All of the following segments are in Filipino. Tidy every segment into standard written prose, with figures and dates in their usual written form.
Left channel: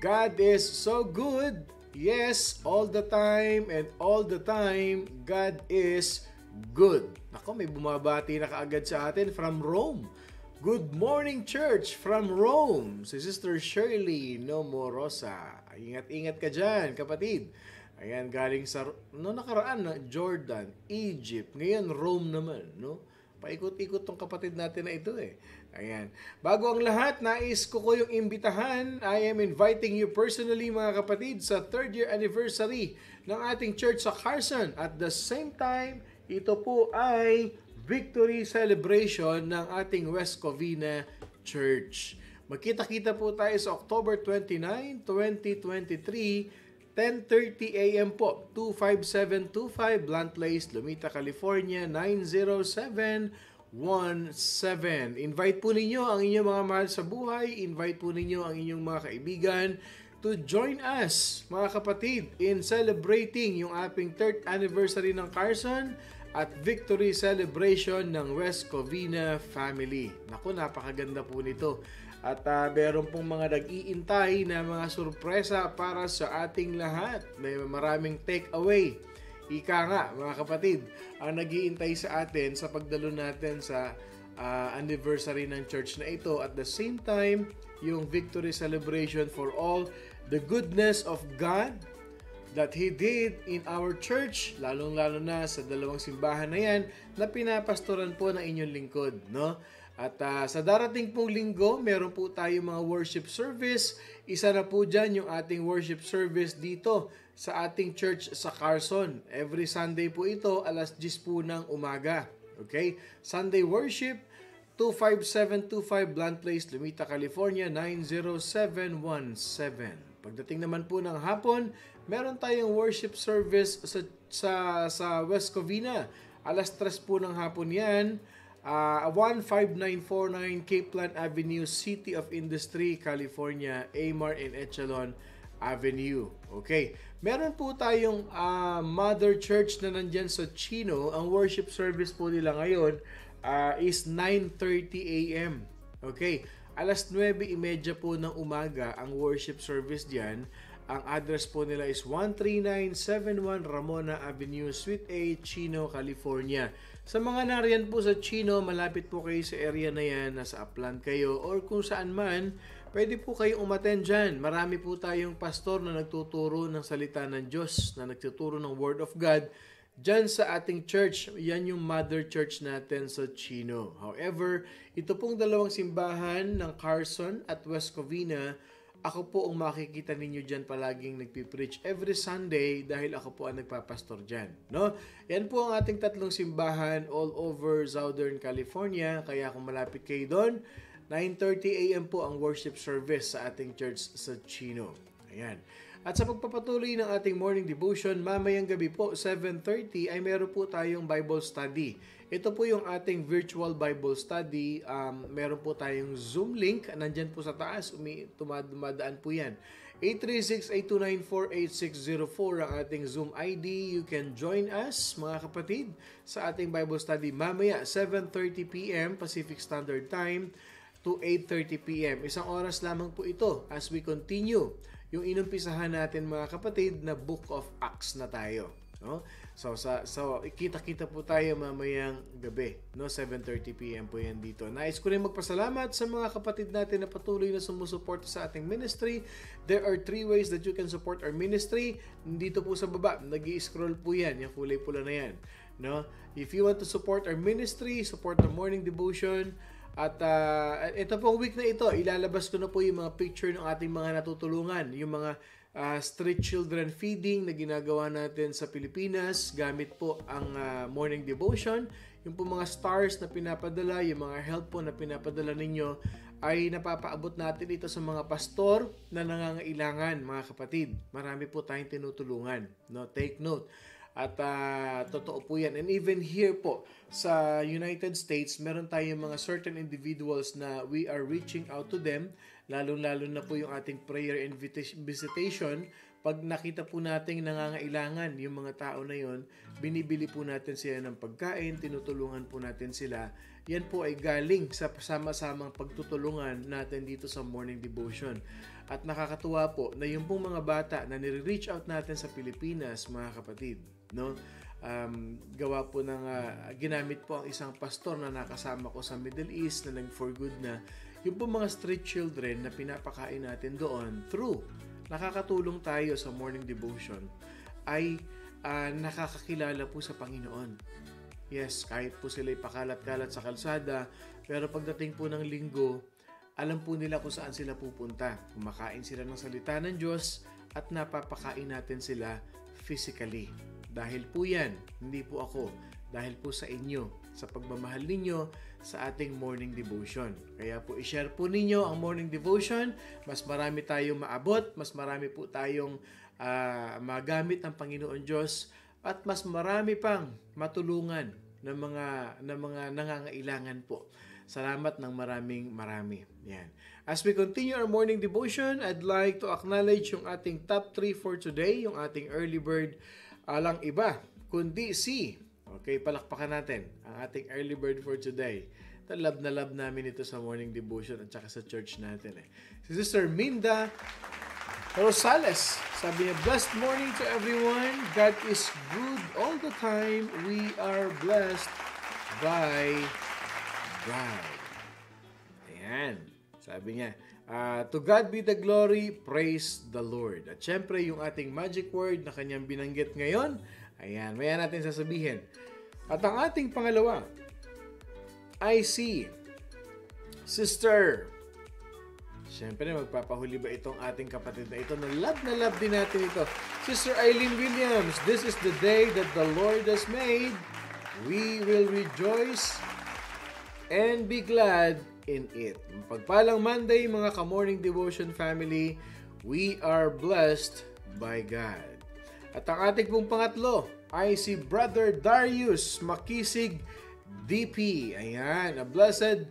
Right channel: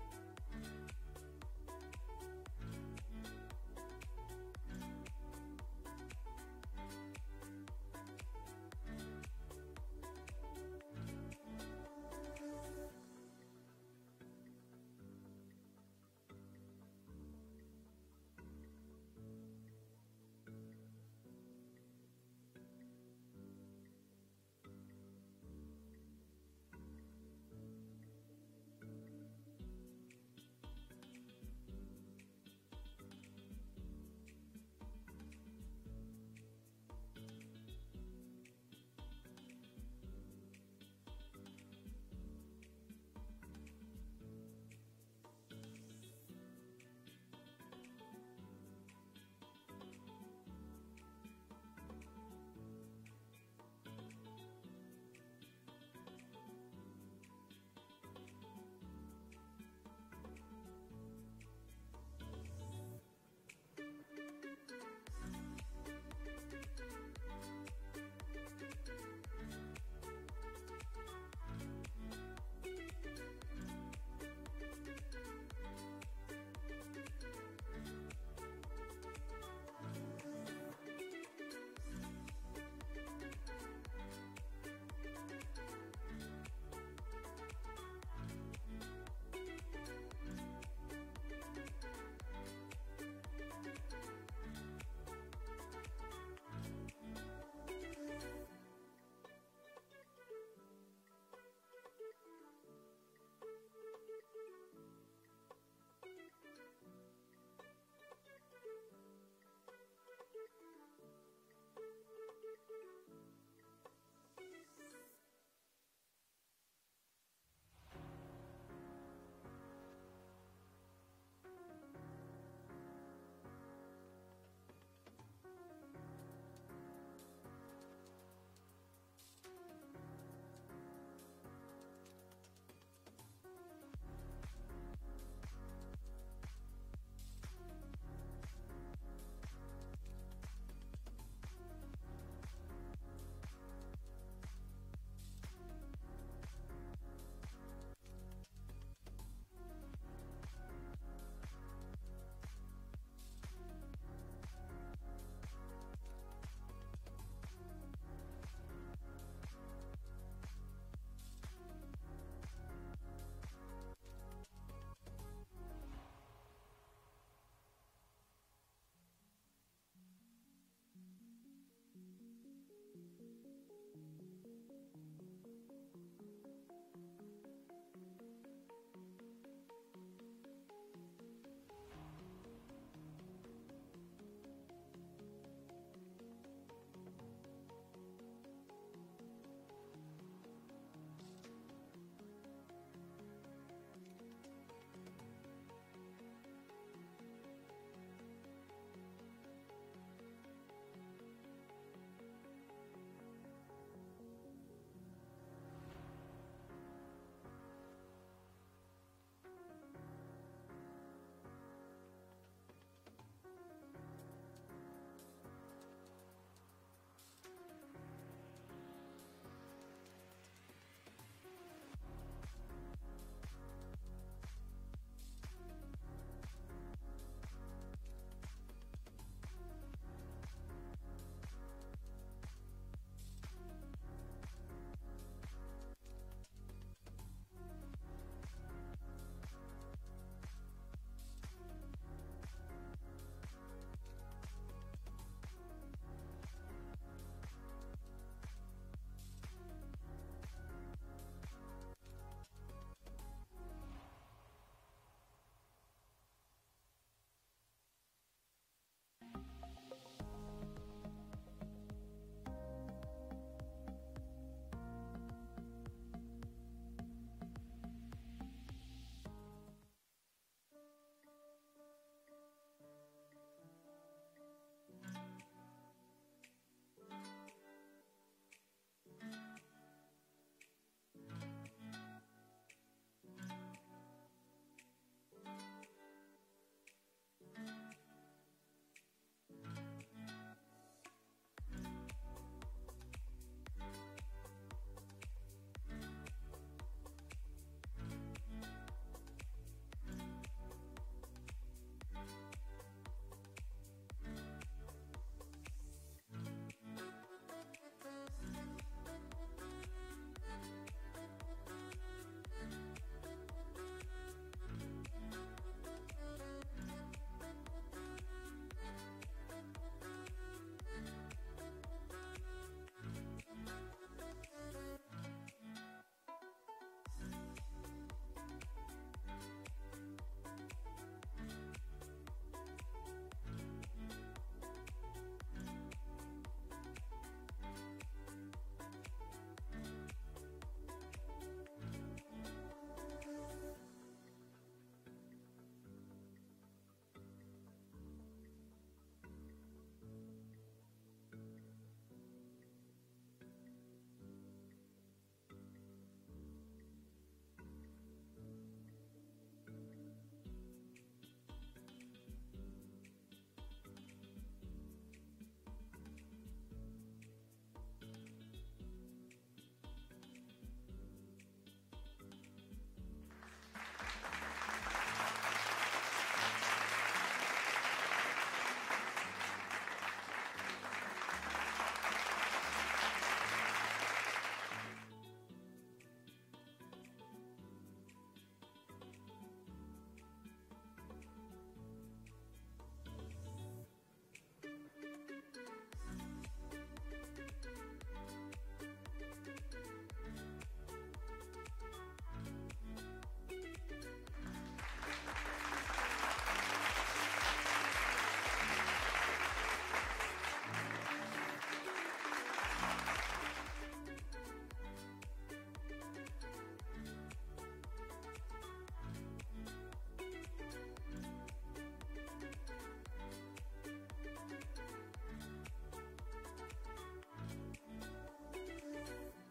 God is so good. Yes, all the time and all the time, God is good. Ako, may bumabati na kaagad sa atin from Rome. Good morning, church, from Rome. Si Sister Shirley Nomorosa. Ingat-ingat ka dyan, kapatid. Ayan, galing sa, nakaraan na, Jordan, Egypt. Ngayon, Rome naman, no? Paikot-ikot tong kapatid natin na ito eh. Ayan. Bago ang lahat, nais ko yung imbitahan. I am inviting you personally mga kapatid sa 3rd year anniversary ng ating church sa Carson. At the same time, ito po ay victory celebration ng ating West Covina Church. Magkita-kita po tayo sa October 29, 2023, 10:30 a.m. po, 25725 Blunt Place, Lumita, California, 90717. Invite po ninyo ang inyong mga mahal sa buhay, invite po ninyo ang inyong mga kaibigan to join us, mga kapatid, in celebrating yung ating 3rd anniversary ng Carson at victory celebration ng West Covina family. Naku, napakaganda po nito. At meron pong mga nag-iintay na mga sorpresa para sa ating lahat. May maraming take-away. Ika nga, mga kapatid, ang nag-iintay sa atin sa pagdalo natin sa anniversary ng church na ito. At the same time, yung victory celebration for all the goodness of God that He did in our church, lalong-lalo na sa dalawang simbahan na yan na pinapastoran po ng inyong lingkod, no? At sa darating pong linggo, meron po tayo mga worship service. Isa na po dyan yung ating worship service dito sa ating church sa Carson. Every Sunday po ito, alas 10 po ng umaga. Okay? Sunday worship, 25725 Blunt Place, Lumita, California, 90717. Pagdating naman po ng hapon, meron tayong worship service sa West Covina. Alas 3 po ng hapon yan. 15949 Capeland Avenue, City of Industry, California, Amar and Echelon Avenue. Okay. Meron po tayong Mother Church na nandyan sa Chino. Ang worship service po nila ngayon is 9:30 a.m. Okay. Alas 9:30 po ng umaga ang worship service diyan. Ang address po nila is 13971 Ramona Avenue, Suite A, Chino, California. Sa mga nariyan po sa Chino, malapit po kayo sa area na yan, nasa Upland kayo, or kung saan man, pwede po kayo umattend dyan. Marami po tayong pastor na nagtuturo ng salita ng Diyos, na nagtuturo ng Word of God. Dyan sa ating church, yan yung mother church natin sa Chino. However, ito pong dalawang simbahan ng Carson at West Covina, ako po ang makikita ninyo dyan palaging nagpipreach every Sunday dahil ako po ang nagpapastor dyan. No? Yan po ang ating tatlong simbahan all over Southern California. Kaya kung malapit kayo doon, 9:30 a.m. po ang worship service sa ating church sa Chino. Ayan. At sa pagpapatuloy ng ating morning devotion, mamayang gabi po, 7:30, ay meron po tayong Bible study. Ito po yung ating virtual Bible study. Meron po tayong Zoom link. Nandyan po sa taas. Dumadaan po yan. 836-829-4860 ang ating Zoom ID. You can join us, mga kapatid, sa ating Bible study mamaya, 7:30 p.m. Pacific Standard Time to 8:30 p.m. Isang oras lamang po ito as we continue yung inumpisahan natin, mga kapatid, na Book of Acts na tayo. No? So kita-kita po tayo mamayang gabi, no? 7:30 p.m. po yan dito. Nais ko rin magpasalamat sa mga kapatid natin na patuloy na sumusuporta sa ating ministry. There are 3 ways that you can support our ministry. Dito po sa baba, nag-i-scroll po yan, yung kulay pula na yan, no? If you want to support our ministry, support the morning devotion. At ito pong week na ito, ilalabas ko na po yung mga picture ng ating mga natutulungan, yung mga street children feeding na ginagawa natin sa Pilipinas gamit po ang morning devotion. Yung po mga stars na pinapadala, yung mga help po na pinapadala ninyo ay napapaabot natin ito sa mga pastor na nangangailangan, mga kapatid. Marami po tayong tinutulungan, no? Take note. At totoo po yan. And even here po sa United States, meron tayong mga certain individuals na we are reaching out to them Lalo-lalo na po yung ating prayer and visitation. Pag nakita po nating nangangailangan yung mga tao na yon, binibili po natin sila ng pagkain, tinutulungan po natin sila. Yan po ay galing sa sama-samang pagtutulungan natin dito sa morning devotion. At nakakatuwa po na yung pong mga bata na nire-reach out natin sa Pilipinas, mga kapatid, no? Gawa po ng ginamit po ang isang pastor na nakasama ko sa Middle East na nag-for good na yung po mga street children na pinapakain natin doon through nakakatulong tayo sa morning devotion ay nakakakilala po sa Panginoon. Yes, kahit po sila ipakalat-kalat sa kalsada, pero pagdating po ng linggo, alam po nila kung saan sila pupunta. Kumakain sila ng salita ng Diyos at napapakain natin sila physically. Dahil po yan, hindi po ako, dahil po sa inyo, sa pagmamahal ninyo sa ating morning devotion. Kaya po i-share po ninyo ang morning devotion, mas marami tayong maabot, mas marami po tayong magamit ng Panginoon Diyos, at mas marami pang matulungan ng mga nangangailangan po. Salamat ng marami. Yan. As we continue our morning devotion, I'd like to acknowledge yung ating top 3 for today, yung ating early bird, alang iba, kundi si, okay, palakpakan natin ang ating early bird for today. Love na love namin ito sa morning devotion at saka sa church natin. Si Sister Minda Rosales, sabi niya, blessed morning to everyone. God is good all the time. We are blessed by God. Ayan. Sabi niya, to God be the glory, praise the Lord. At syempre, yung ating magic word na kanyang binanggit ngayon, ayan, maya natin sasabihin. At ang ating pangalawa, I see Sister. Siyempre, magpapahuli ba itong ating kapatid na ito? Na love din natin ito. Sister Eileen Williams, this is the day that the Lord has made. We will rejoice and be glad in it. Pagpalang Monday, mga ka-morning devotion family, we are blessed by God. At ang ating pong pangatlo ay si Brother Darius Makisig DP. Ayan, a blessed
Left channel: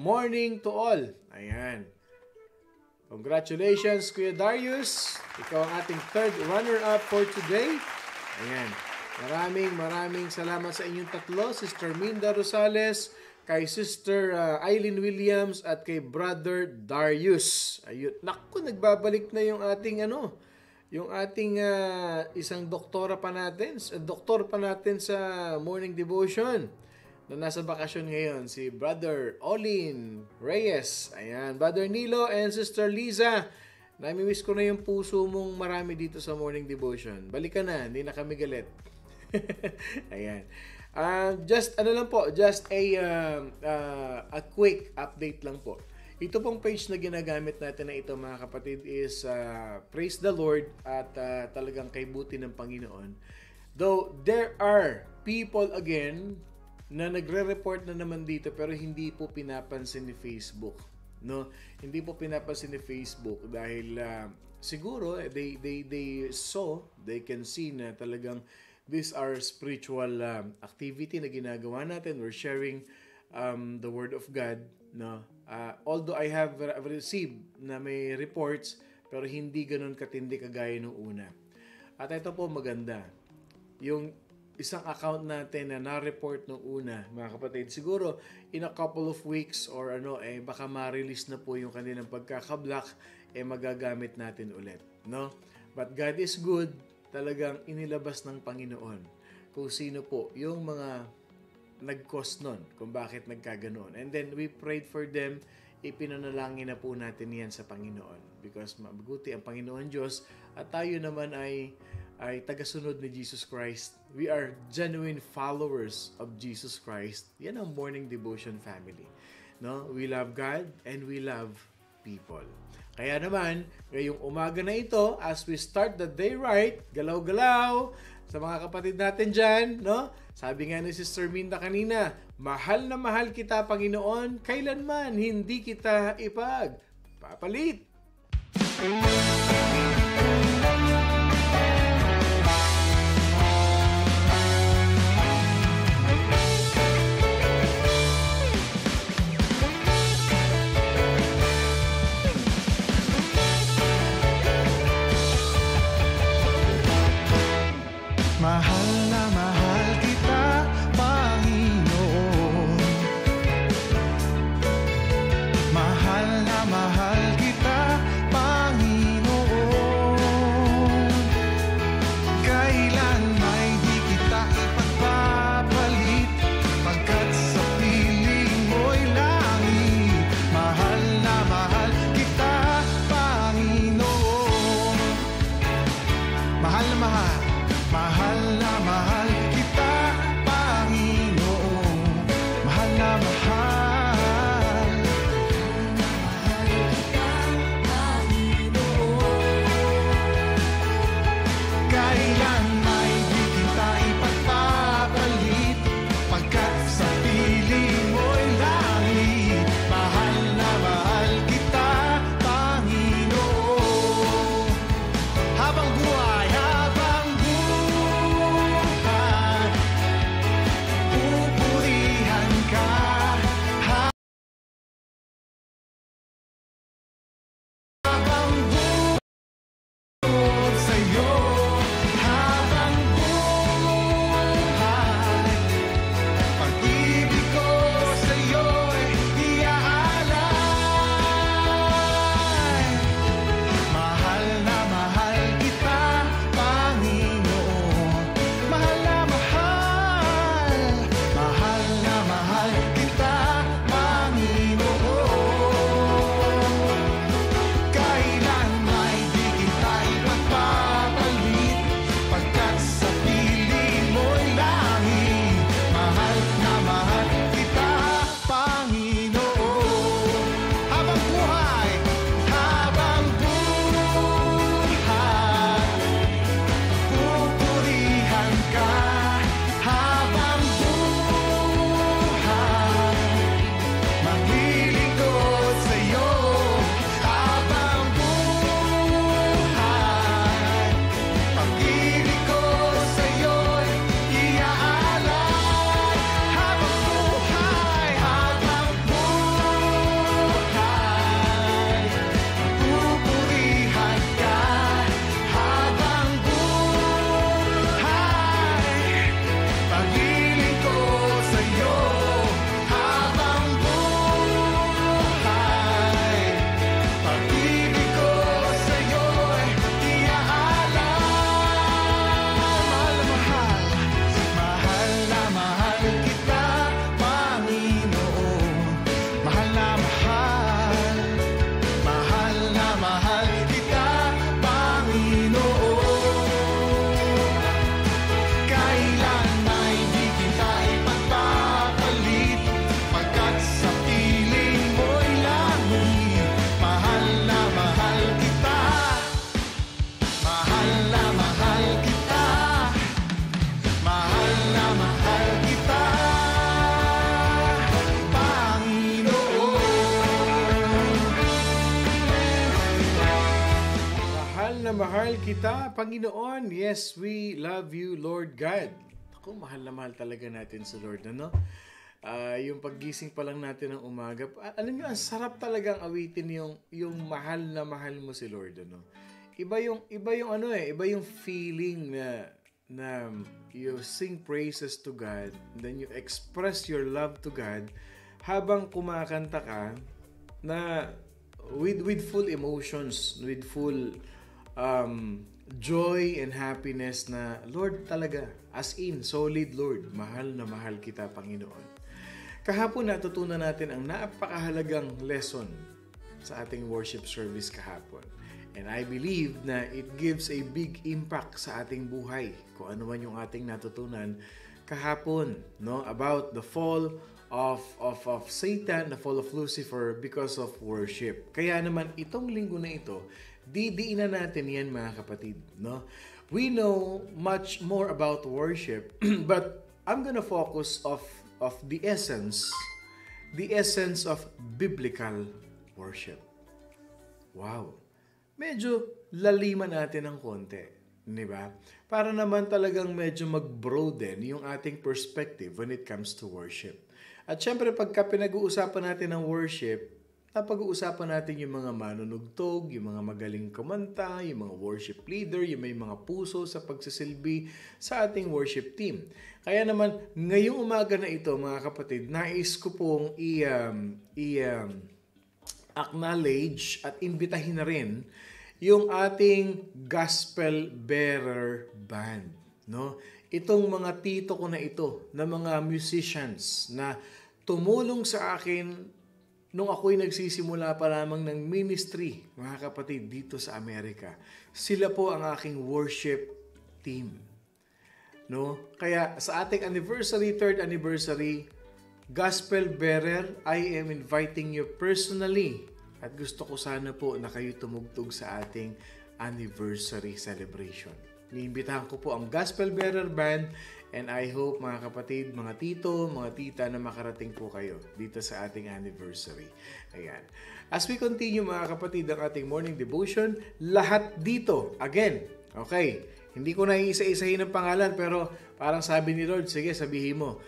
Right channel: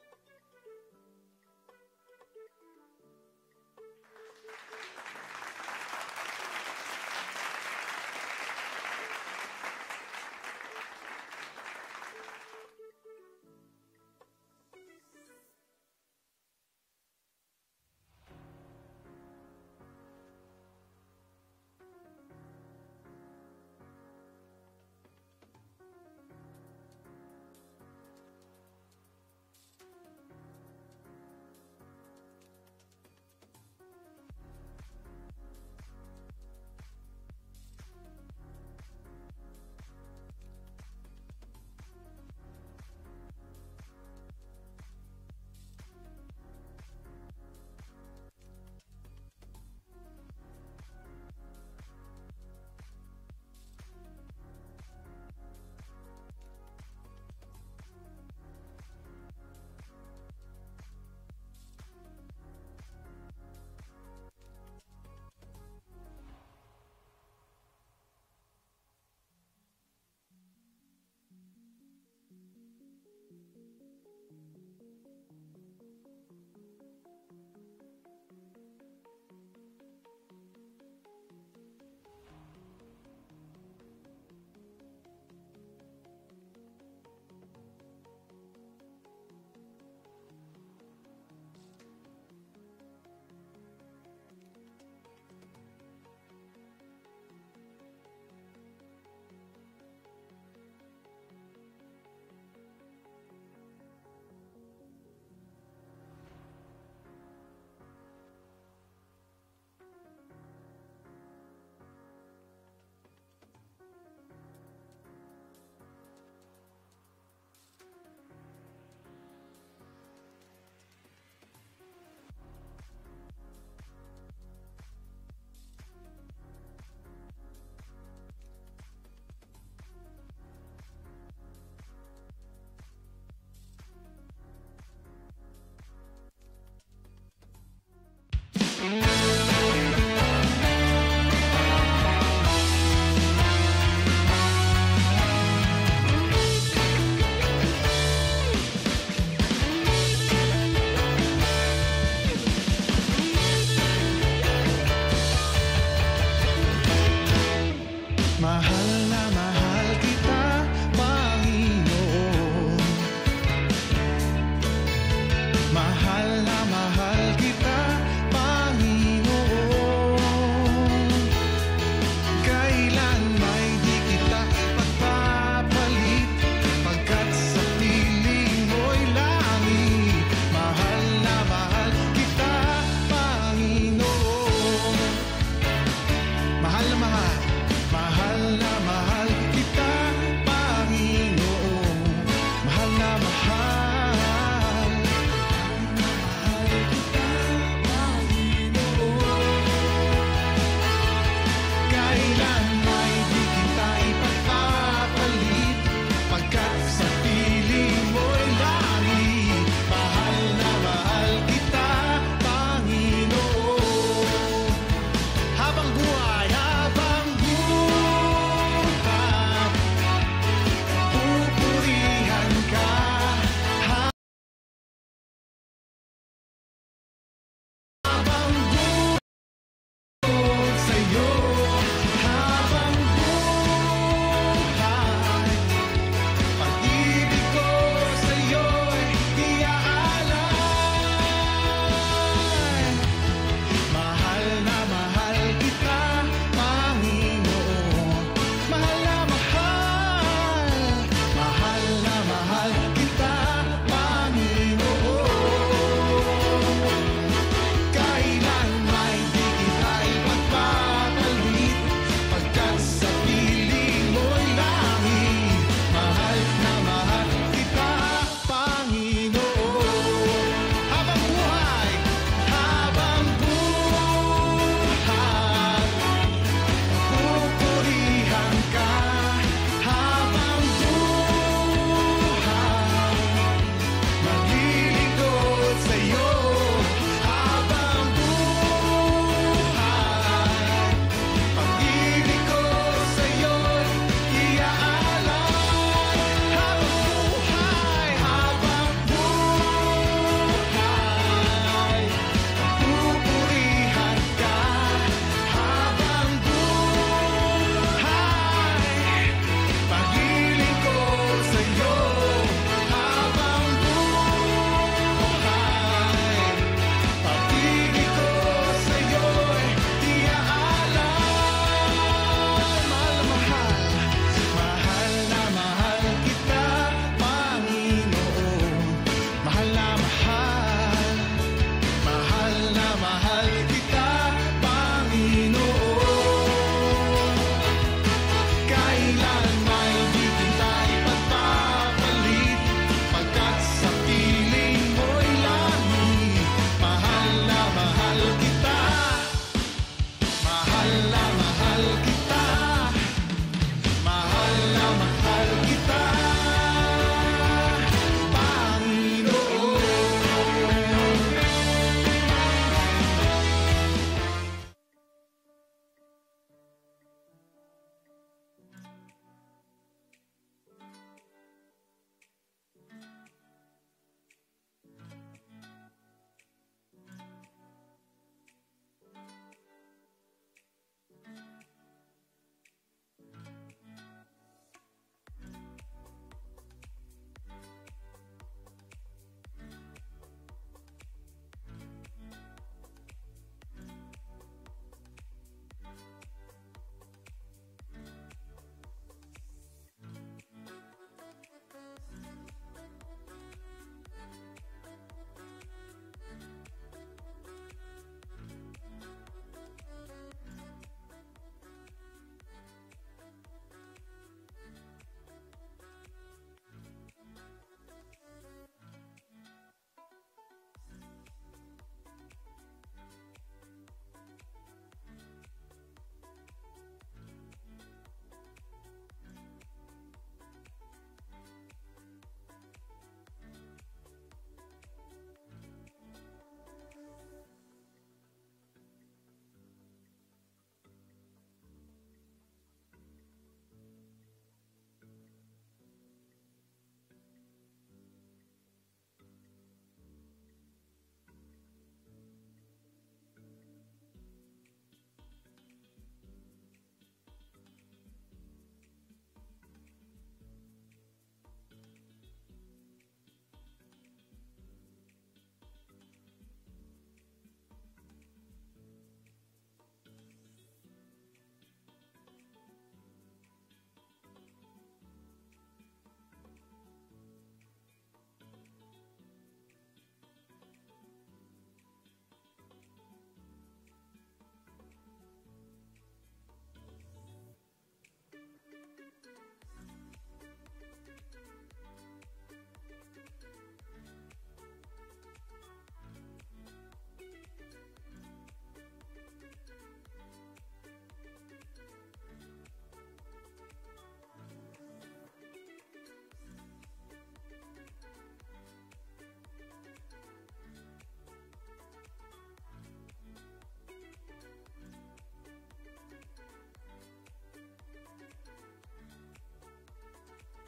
morning to all. Ayan. Congratulations, Kuya Darius. Ikaw ang ating third runner-up for today. Ayan. Maraming salamat sa inyong tatlo. Sister Minda Rosales, kay Sister Eileen Williams, at kay Brother Darius. Ayun. Naku, nagbabalik na yung ating yung ating isang doktor pa natin sa morning devotion na nasa bakasyon ngayon, si Brother Olin Reyes. Ayan, Brother Nilo and Sister Liza. Nami-miss ko na yung puso mong marami dito sa morning devotion. Balikan na, hindi na kami galit. Ayan. Just a quick update lang po. Ito pong page na ginagamit natin na ito, mga kapatid, is Praise the Lord at talagang kay buti ng Panginoon. Though there are people again na nagre-report na naman dito pero hindi po pinapansin ni Facebook, no? Hindi po pinapansin ni Facebook dahil siguro they can see na talagang these are spiritual activity na ginagawa natin. We're sharing the word of God, no? Although I have received na may reports pero hindi ganoon katindi kagaya nung una. At ito po maganda. Yung isang account natin na na-report nung una, mga kapatid, siguro in a couple of weeks or baka ma-release na po yung kanilang pagkaka-block, magagamit natin ulit, no? But God is good, talagang inilabas ng Panginoon kung sino po yung mga nag-cause nun, kung bakit nagkaganoon. And then we prayed for them, ipinanalangin na po natin yan sa Panginoon because mabuti ang Panginoon Diyos at tayo naman ay tagasunod ni Jesus Christ. We are genuine followers of Jesus Christ. Yan ang morning devotion family. No? We love God and we love people. Kaya naman, ngayong umaga na ito, as we start the day right, galaw-galaw sa mga kapatid natin dyan, no? Sabi nga ni Sister Minda kanina, mahal na mahal kita, Panginoon, kailanman hindi kita ipagpapalit. Mahal na mahal kita, Panginoon. Mahal na mahal kita, Panginoon. Kailan may di kita ipagpapalit, pagkat sa piling mo'y langit. Mahal na mahal kita, Panginoon. Mahal na mahal, mahal na mahal kita, Panginoon. Mahal na mahal. Kailan may di kita ipagpapalit, pagkat sa piling mo'y langit. Mahal na mahal kita, Panginoon. Habang buhay, pupurihan ka. Habang bukod sa'yo, habang buhay, pag-ibig ko sa'yo'y iaalay. Mahal na mahal kita, Panginoon. Mahal na mahal, mahal na mahal kita, Panginoon. Kailan may di kita ipagpapalit, pagkat sa piling mo'y langit. Mahal na mahal kita, Panginoon. Habang buhay, pupurihan ka. Habang buhay, maglilingkod sa'yo. Habang buhay, pag-ibig ko sa'yo'y iaalay. Habang buhay, pupurihan ka. Habang buhay, pag-ibig ko sa'yo. Habang buhay, pag-ibig ko sa'yo'y iaalay. Mahal na mahal, mahal na mahal kita, Panginoon. Mahal na mahal, mahal na mahal kita, Panginoon. Kailan may di kita ipagpapalit, pagkat sa piling mo'y langit. Mahal na mahal kita, mahal na mahal kita, mahal na mahal kita, Panginoon. Mahal na mahal kita, Panginoon. Yes, we love you, Lord God. Ako, mahal na mahal talaga natin si Lord, ano? Yung paggising pa lang natin ng umaga, alam niyo, ang sarap talagang awitin yung mahal na mahal mo si Lord, ano? Iba yung feeling na you sing praises to God, then you express your love to God habang kumakanta ka na with full emotions, with full joy and happiness na Lord talaga, as in solid Lord, mahal na mahal kita, Panginoon. Kahapon natutunan natin ang napakahalagang lesson sa ating worship service kahapon. And I believe na it gives a big impact sa ating buhay. Kung ano man yung ating natutunan kahapon, no, about the fall of Satan, the fall of Lucifer because of worship. Kaya naman itong linggo na ito, didiinan natin yan, mga kapatid, no? We know much more about worship, but I'm gonna focus of the essence of biblical worship. Wow. Medyo laliman natin ng konti, di ba? Para naman talagang medyo mag-broaden yung ating perspective when it comes to worship. At syempre, pagka pinag-uusapan natin ng worship, napag-uusapan natin yung mga manunugtog, yung mga magaling kumanta, yung mga worship leader, yung may mga puso sa pagsisilbi sa ating worship team. Kaya naman, ngayong umaga na ito, mga kapatid, nais ko pong acknowledge at imbitahin na rin yung ating gospel bearer band. No? Itong mga tito ko na ito, na mga musicians na tumulong sa akin nung ako'y nagsisimula pa lamang ng ministry, mga kapatid, dito sa Amerika. Sila po ang aking worship team. No? Kaya sa ating anniversary, 3rd anniversary, Gospel Bearer, I am inviting you personally. At gusto ko sana po na kayo tumugtog sa ating anniversary celebration. Niimbitahan ko po ang Gospel Bearer Band. And I hope, mga kapatid, mga tito, mga tita, na makarating po kayo dito sa ating anniversary. Ayan. As we continue, mga kapatid, ang ating morning devotion, lahat dito, again, okay, hindi ko na iisa-isahin ang pangalan, pero parang sabi ni Lord, sige, sabihin mo.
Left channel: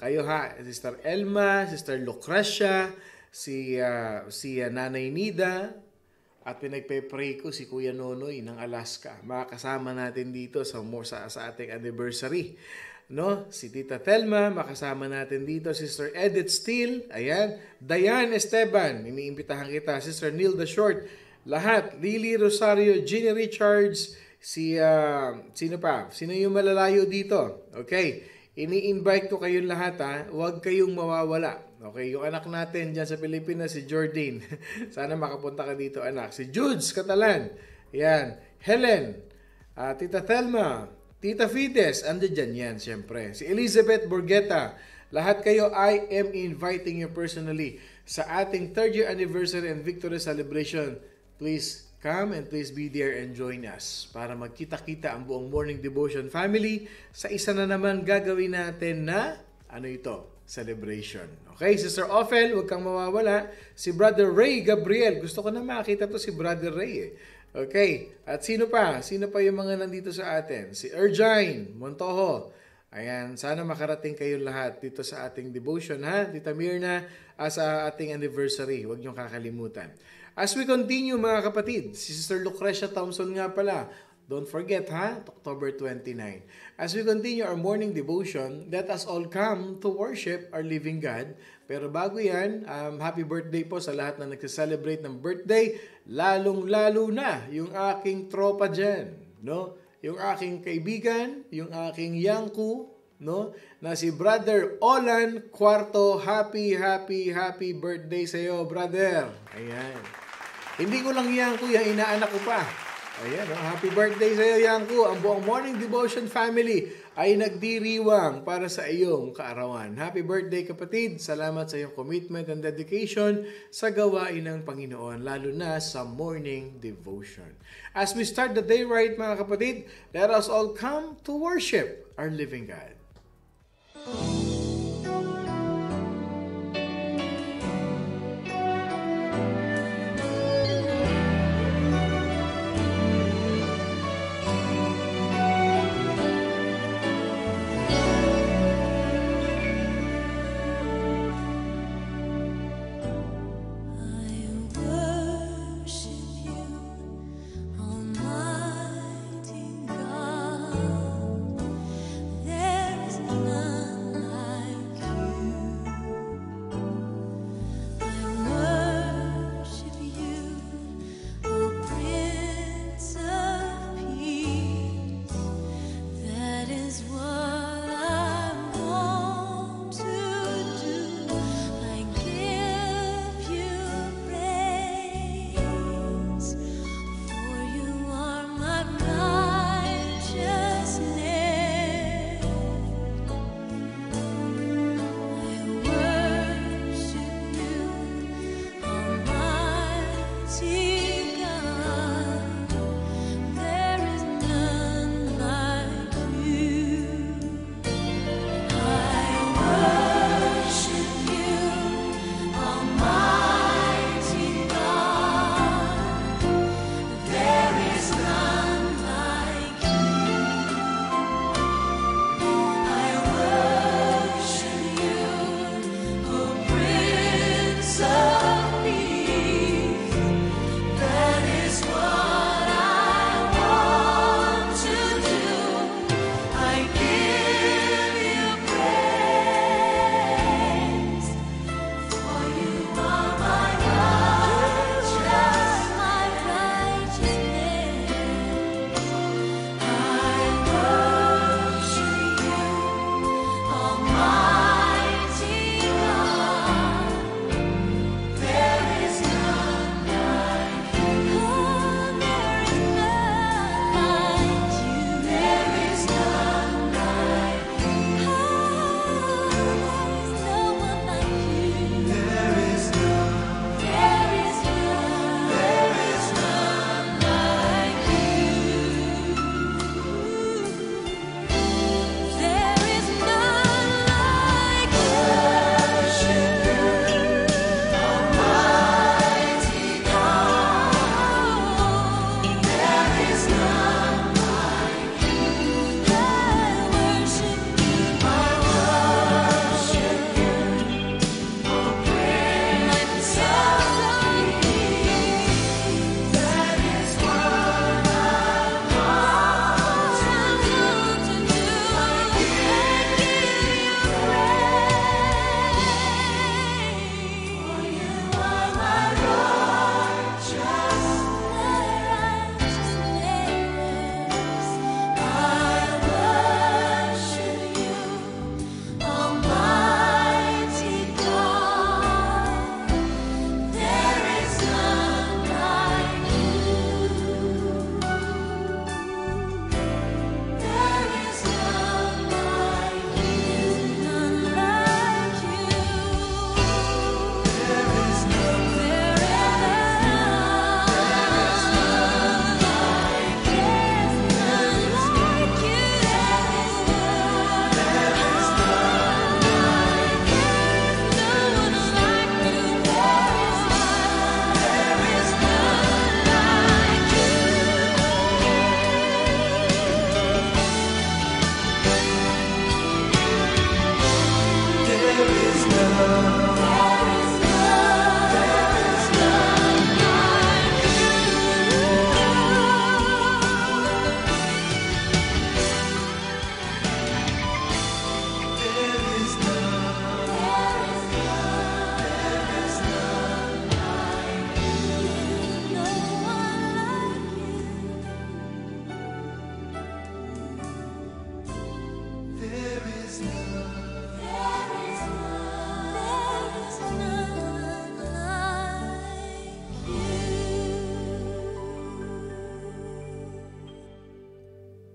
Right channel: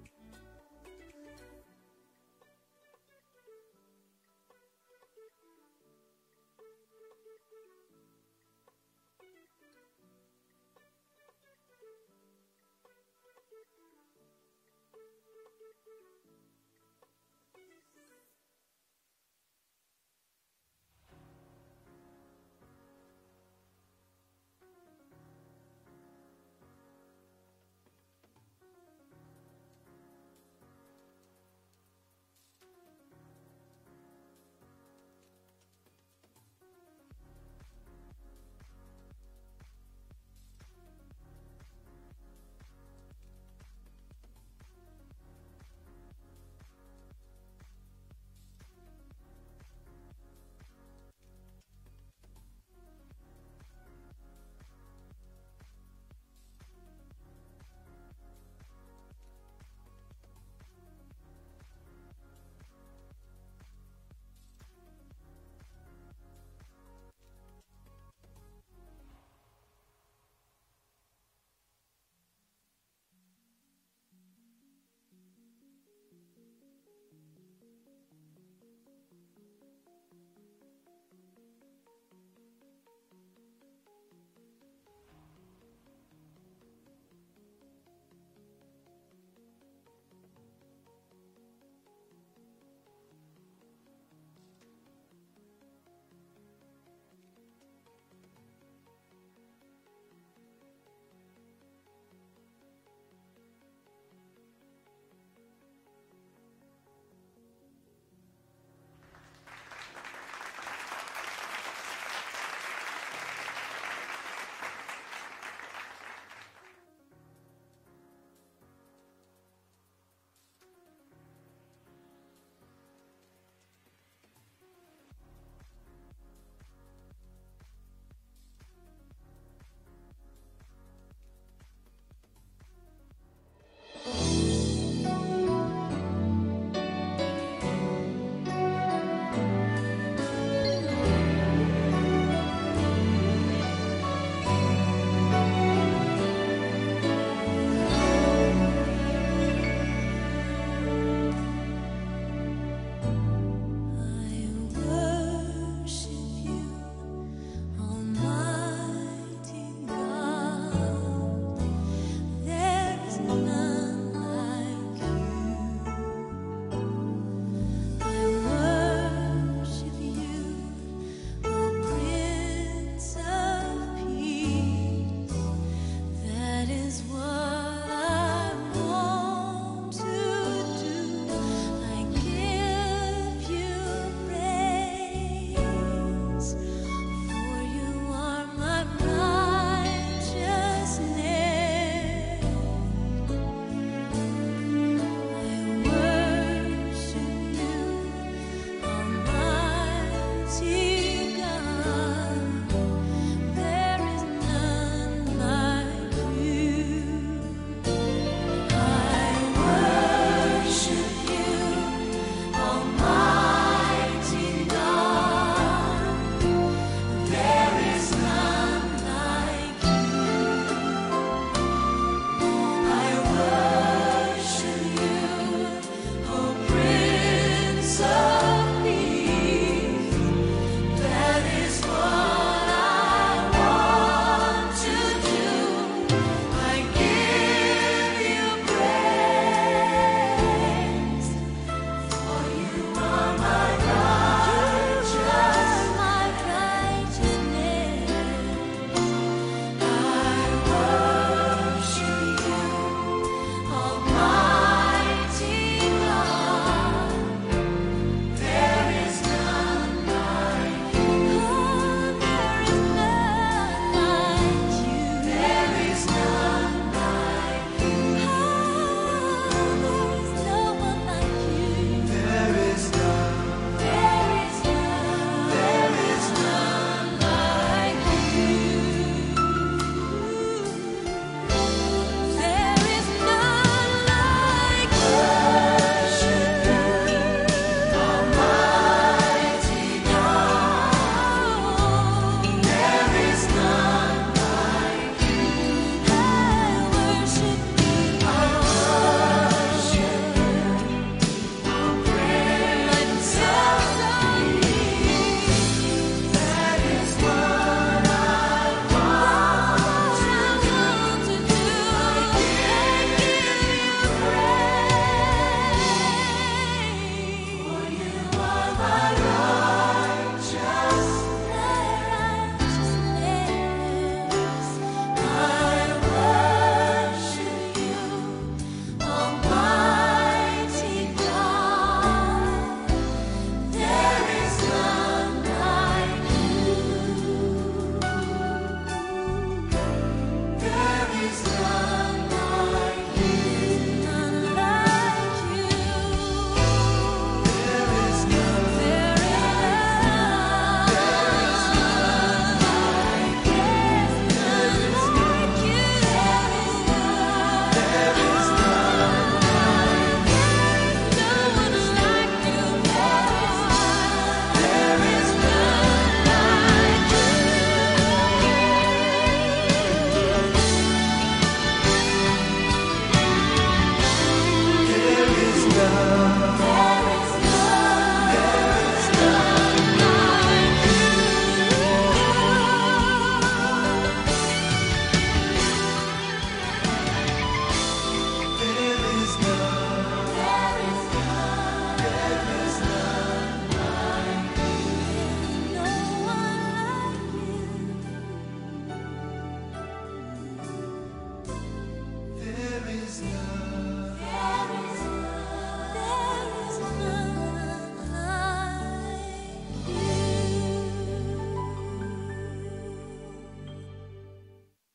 Kayo ha, Sister Elma, Sister Lucrecia, si Nanay Nida, at pinagpe-pray ko si Kuya Nonoy ng Alaska. Makakasama natin dito sa ating anniversary. No? Si Tita Thelma, makasama natin dito. Sister Edith Steele, ayan. Diane Esteban, iniimbitahan kita. Sister Nilda Short, lahat. Lily Rosario, Ginny Richards, sino pa? Sino yung malalayo dito? Okay. Ini-invite ko kayong lahat ha. Huwag kayong mawawala. Okay, yung anak natin dyan sa Pilipinas, si Jordine. Sana makapunta ka dito, anak. Si Judes Catalan. Yan. Helen. Tita Thelma. Tita Fides. Ando dyan yan, siyempre. Si Elizabeth Borgeta. Lahat kayo, I am inviting you personally sa ating 3rd year anniversary and victory celebration. Please come and please be there and join us para magkita-kita ang buong morning devotion family sa isa na naman gagawin natin na, celebration. Okay, Sister Ophel, huwag kang mawawala. Si Brother Ray Gabriel. Gusto ko na makita to si Brother Ray. Okay, at sino pa? Sino pa yung mga nandito sa atin? Si Ergine Montojo. Ayan, sana makarating kayong lahat dito sa ating devotion, ha? Tita Mirna, sa ating anniversary. Huwag niyong kakalimutan. As we continue, mga kapatid, si Sister Lucrecia Thompson nga pala. Don't forget, ha? October 29. As we continue our morning devotion, let us all come to worship our living God. Pero bago yan, happy birthday po sa lahat na nagse-celebrate ng birthday, lalong-lalo na yung aking tropa dyan, no? Yung aking kaibigan, yung aking yangku, no? Na si Brother Olan Cuarto. Happy birthday sa iyo, brother. Ayan. Hindi ko lang yangku, yung inaanak ko pa. Ayan, happy birthday sa iyo, Yangku. Ang buong morning devotion family ay nagdiriwang para sa iyong kaarawan. Happy birthday, kapatid. Salamat sa iyong commitment and dedication sa gawain ng Panginoon, lalo na sa morning devotion. As we start the day right, mga kapatid, let us all come to worship our living God. There is none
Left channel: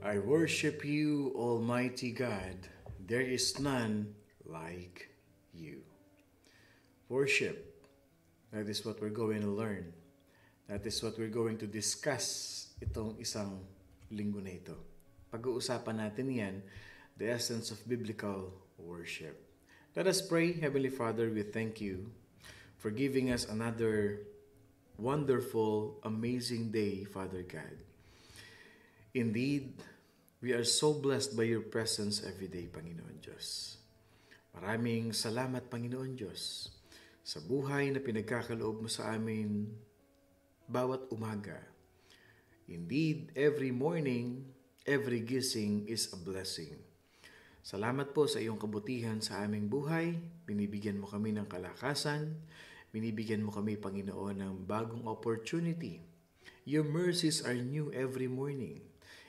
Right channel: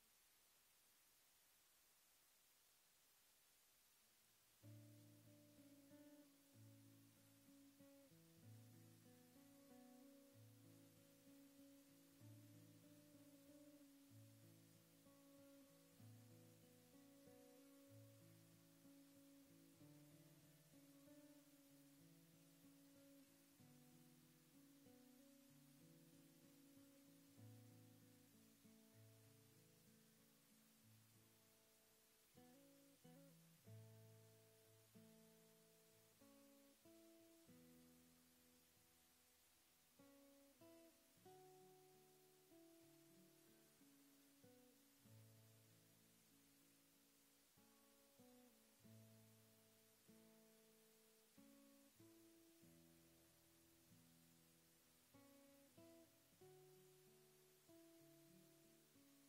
I worship you, Almighty God. There is none like you. Worship. That is what we're going to learn. That is what we're going to discuss itong isang linggo na ito. Pag-uusapan natin yan, the essence of biblical worship. Let us pray. Heavenly Father, we thank you for giving us another wonderful, amazing day, Father God. Indeed, we are so blessed by your presence every day, Panginoon Diyos. Maraming salamat, Panginoon Diyos, sa buhay na pinagkakaloob mo sa amin bawat umaga. Indeed, every morning, every gising is a blessing. Salamat po sa iyong kabutihan sa aming buhay. Binibigyan mo kami ng kalakasan. Binibigyan mo kami, Panginoon, ng bagong opportunity. Your mercies are new every morning,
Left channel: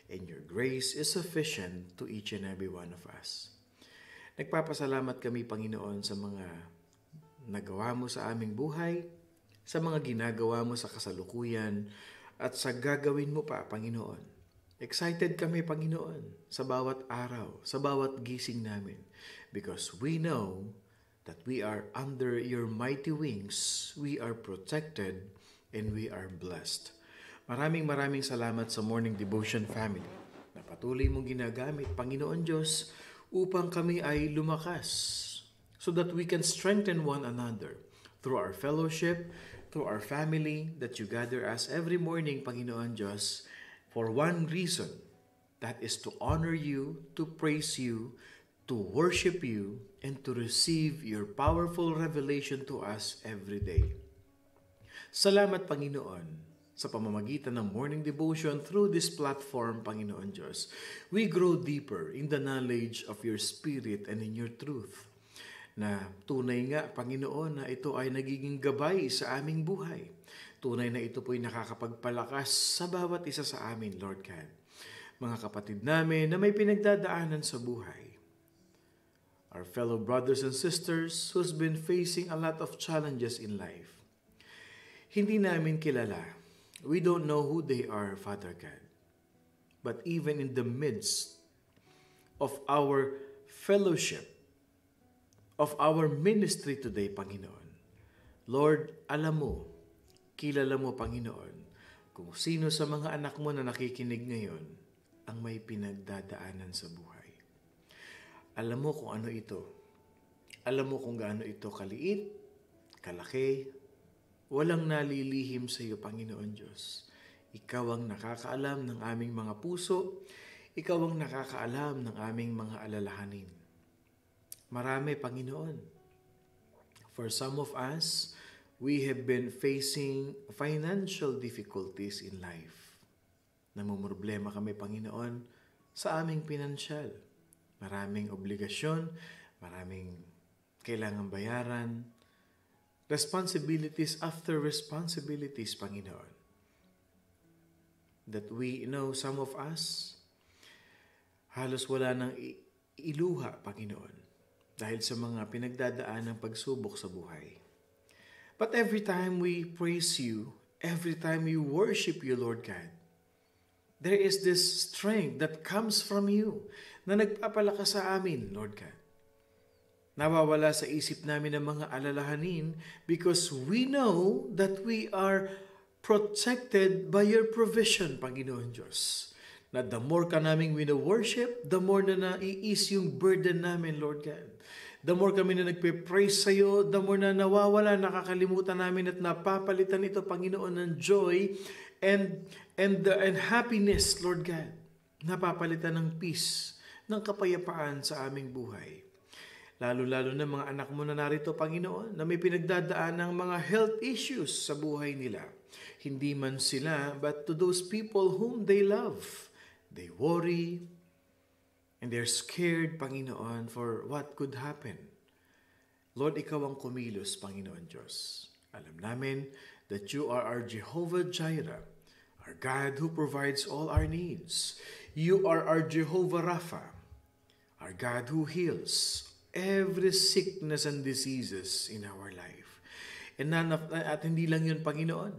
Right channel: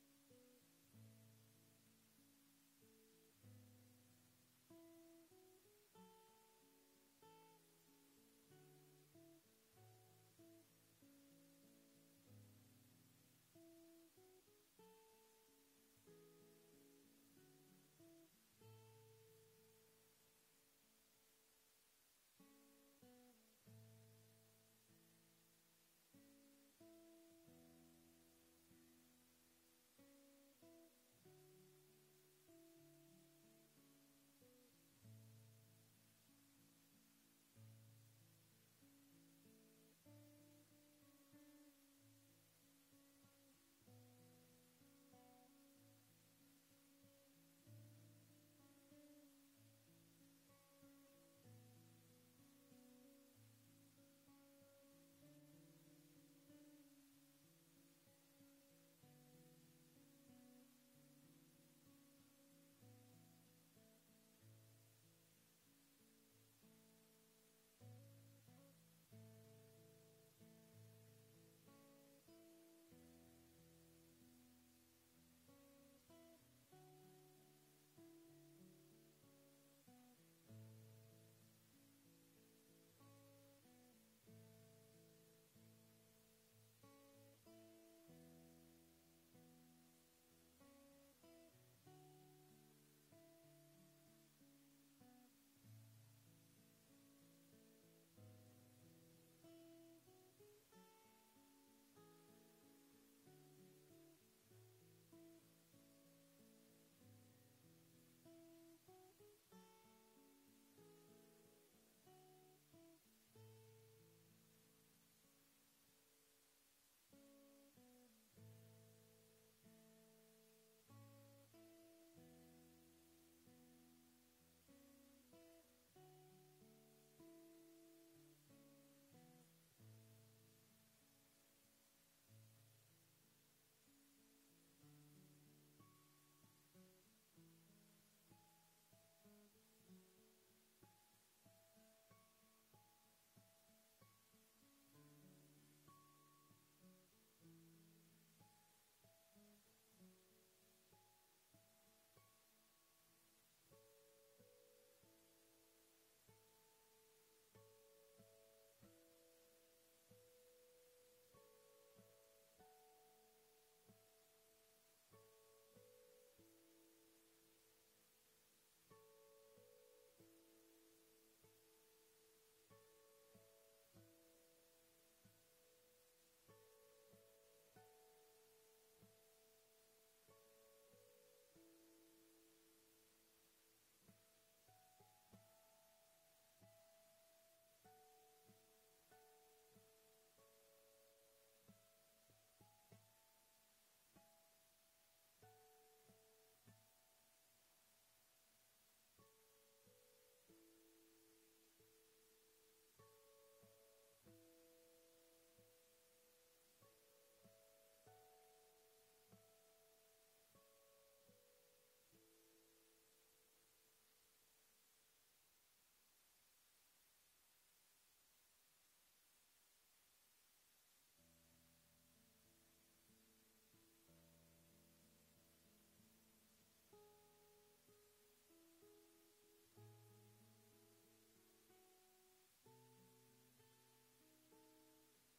and your grace is sufficient to each and every one of us. Nagpapasalamat kami, Panginoon, sa mga nagawa mo sa aming buhay, sa mga ginagawa mo sa kasalukuyan, at sa gagawin mo pa, Panginoon. Excited kami, Panginoon, sa bawat araw, sa bawat gising namin, because we know that we are under your mighty wings, we are protected, and we are blessed. Maraming salamat sa Morning Devotion family na patuloy mong ginagamit, Panginoon Diyos, upang kami ay lumakas so that we can strengthen one another through our fellowship, through our family, that you gather us every morning, Panginoon Diyos, for one reason, that is to honor you, to praise you, to worship you, and to receive your powerful revelation to us every day. Salamat, Panginoon, sa pamamagitan ng morning devotion through this platform, Panginoon Diyos. We grow deeper in the knowledge of your Spirit and in your truth. Na tunay nga, Panginoon, na ito ay nagiging gabay sa aming buhay. Tunay na ito po'y nakakapagpalakas sa bawat isa sa amin, Lord God. Mga kapatid namin na may pinagdadaanan sa buhay. Our fellow brothers and sisters who's been facing a lot of challenges in life. Hindi namin kilala. We don't know who they are, Father God. But even in the midst of our fellowship, of our ministry today, Panginoon, Lord, alam mo, kilala mo, Panginoon, kung sino sa mga anak mo na nakikinig ngayon ang may pinagdadaanan sa buhay. Alam mo kung ano ito. Alam mo kung gaano ito kaliit, kalaki, walang nalilihim sa iyo, Panginoon Diyos. Ikaw ang nakakaalam ng aming mga puso. Ikaw ang nakakaalam ng aming mga alalahanin. Marami, Panginoon. For some of us, we have been facing financial difficulties in life. Namumroblema kami, Panginoon, sa aming pinansyal. Maraming obligasyon, maraming kailangang bayaran, responsibilities after responsibilities, Panginoon. That we know some of us, halos wala nang iluha, Panginoon, dahil sa mga pinagdadaan ng pagsubok sa buhay. But every time we praise you, every time we worship you, Lord God, there is this strength that comes from you na nagpapalakas sa amin, Lord God. Nawawala sa isip namin ang mga alalahanin because we know that we are protected by your provision, Panginoon Diyos. Na the more ka naming wino-worship, the more na nai-ease yung burden namin, Lord God. The more kami na nagpe-praise sa iyo, the more na nawawala, nakakalimutan namin at napapalitan ito, Panginoon, ng joy and happiness, Lord God. Napapalitan ng peace, ng kapayapaan sa aming buhay. Lalo-lalo na mga anak mo na narito, Panginoon, na may pinagdadaan ng mga health issues sa buhay nila. Hindi man sila, but to those people whom they love. They worry, and they're scared, Panginoon, for what could happen. Lord, ikaw ang kumilos, Panginoon Diyos. Alam namin that you are our Jehovah Jireh, our God who provides all our needs. You are our Jehovah Rapha, our God who heals every sickness and diseases in our life. And at hindi lang yun, Panginoon.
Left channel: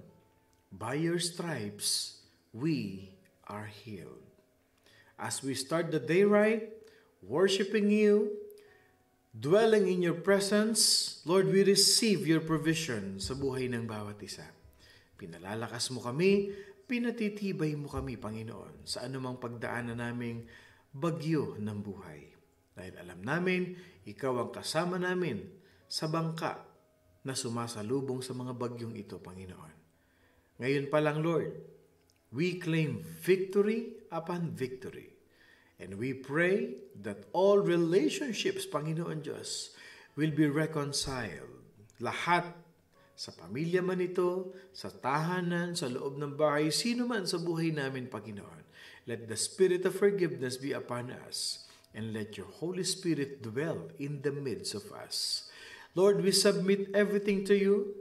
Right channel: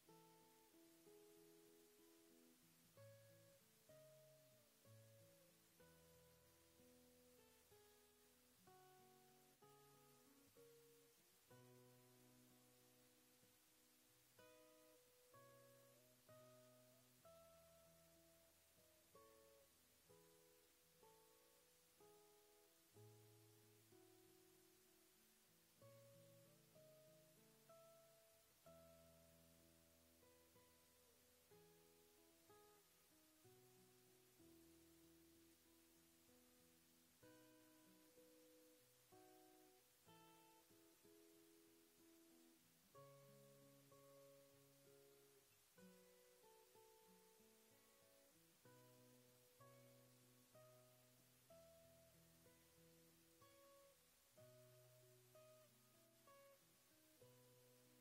By your stripes, we are healed. as we start the day right, worshiping you, dwelling in your presence. Lord, we receive your provision sa buhay ng bawat isa. Pinalalakas mo kami, pinatitibay mo kami, Panginoon, sa anumang pagdaanan naming bagyo ng buhay. Dahil alam namin, ikaw ang kasama namin sa bangka na sumasalubong sa mga bagyong ito, Panginoon. Ngayon pa lang, Lord, we claim victory upon victory. And we pray that all relationships, Panginoon Diyos, will be reconciled. Lahat, sa pamilya man ito, sa tahanan, sa loob ng bahay, sino man sa buhay namin, Panginoon. Let the spirit of forgiveness be upon us, and let your Holy Spirit dwell in the midst of us. Lord, we submit everything to you.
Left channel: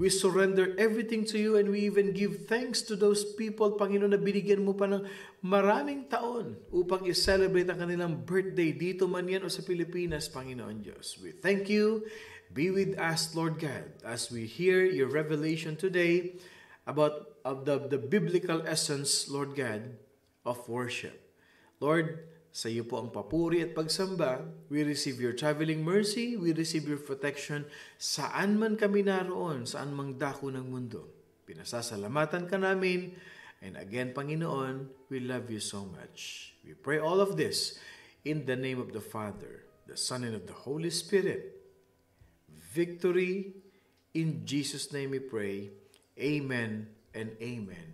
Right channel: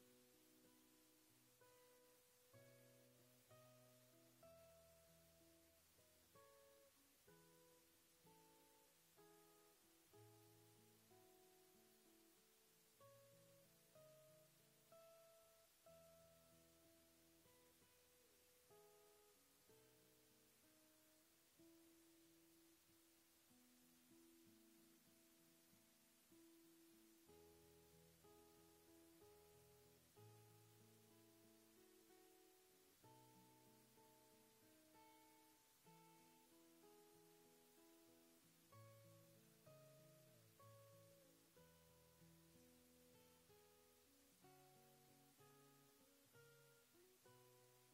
We surrender everything to you, and we even give thanks to those people, Panginoon, na binigyan mo pa ng maraming taon upang i-celebrate ang kanilang birthday dito man yan o sa Pilipinas, Panginoon Diyos. We thank you. Be with us, Lord God, as we hear your revelation today about the biblical essence, Lord God, of worship. Lord, sa iyo po ang papuri at pagsamba. We receive your traveling mercy. We receive your protection saan man kami naroon, saan mang dako ng mundo. Pinasasalamatan ka namin. And again, Panginoon, we love you so much. We pray all of this in the name of the Father, the Son, and of the Holy Spirit. Victory, in Jesus' name we pray. Amen and amen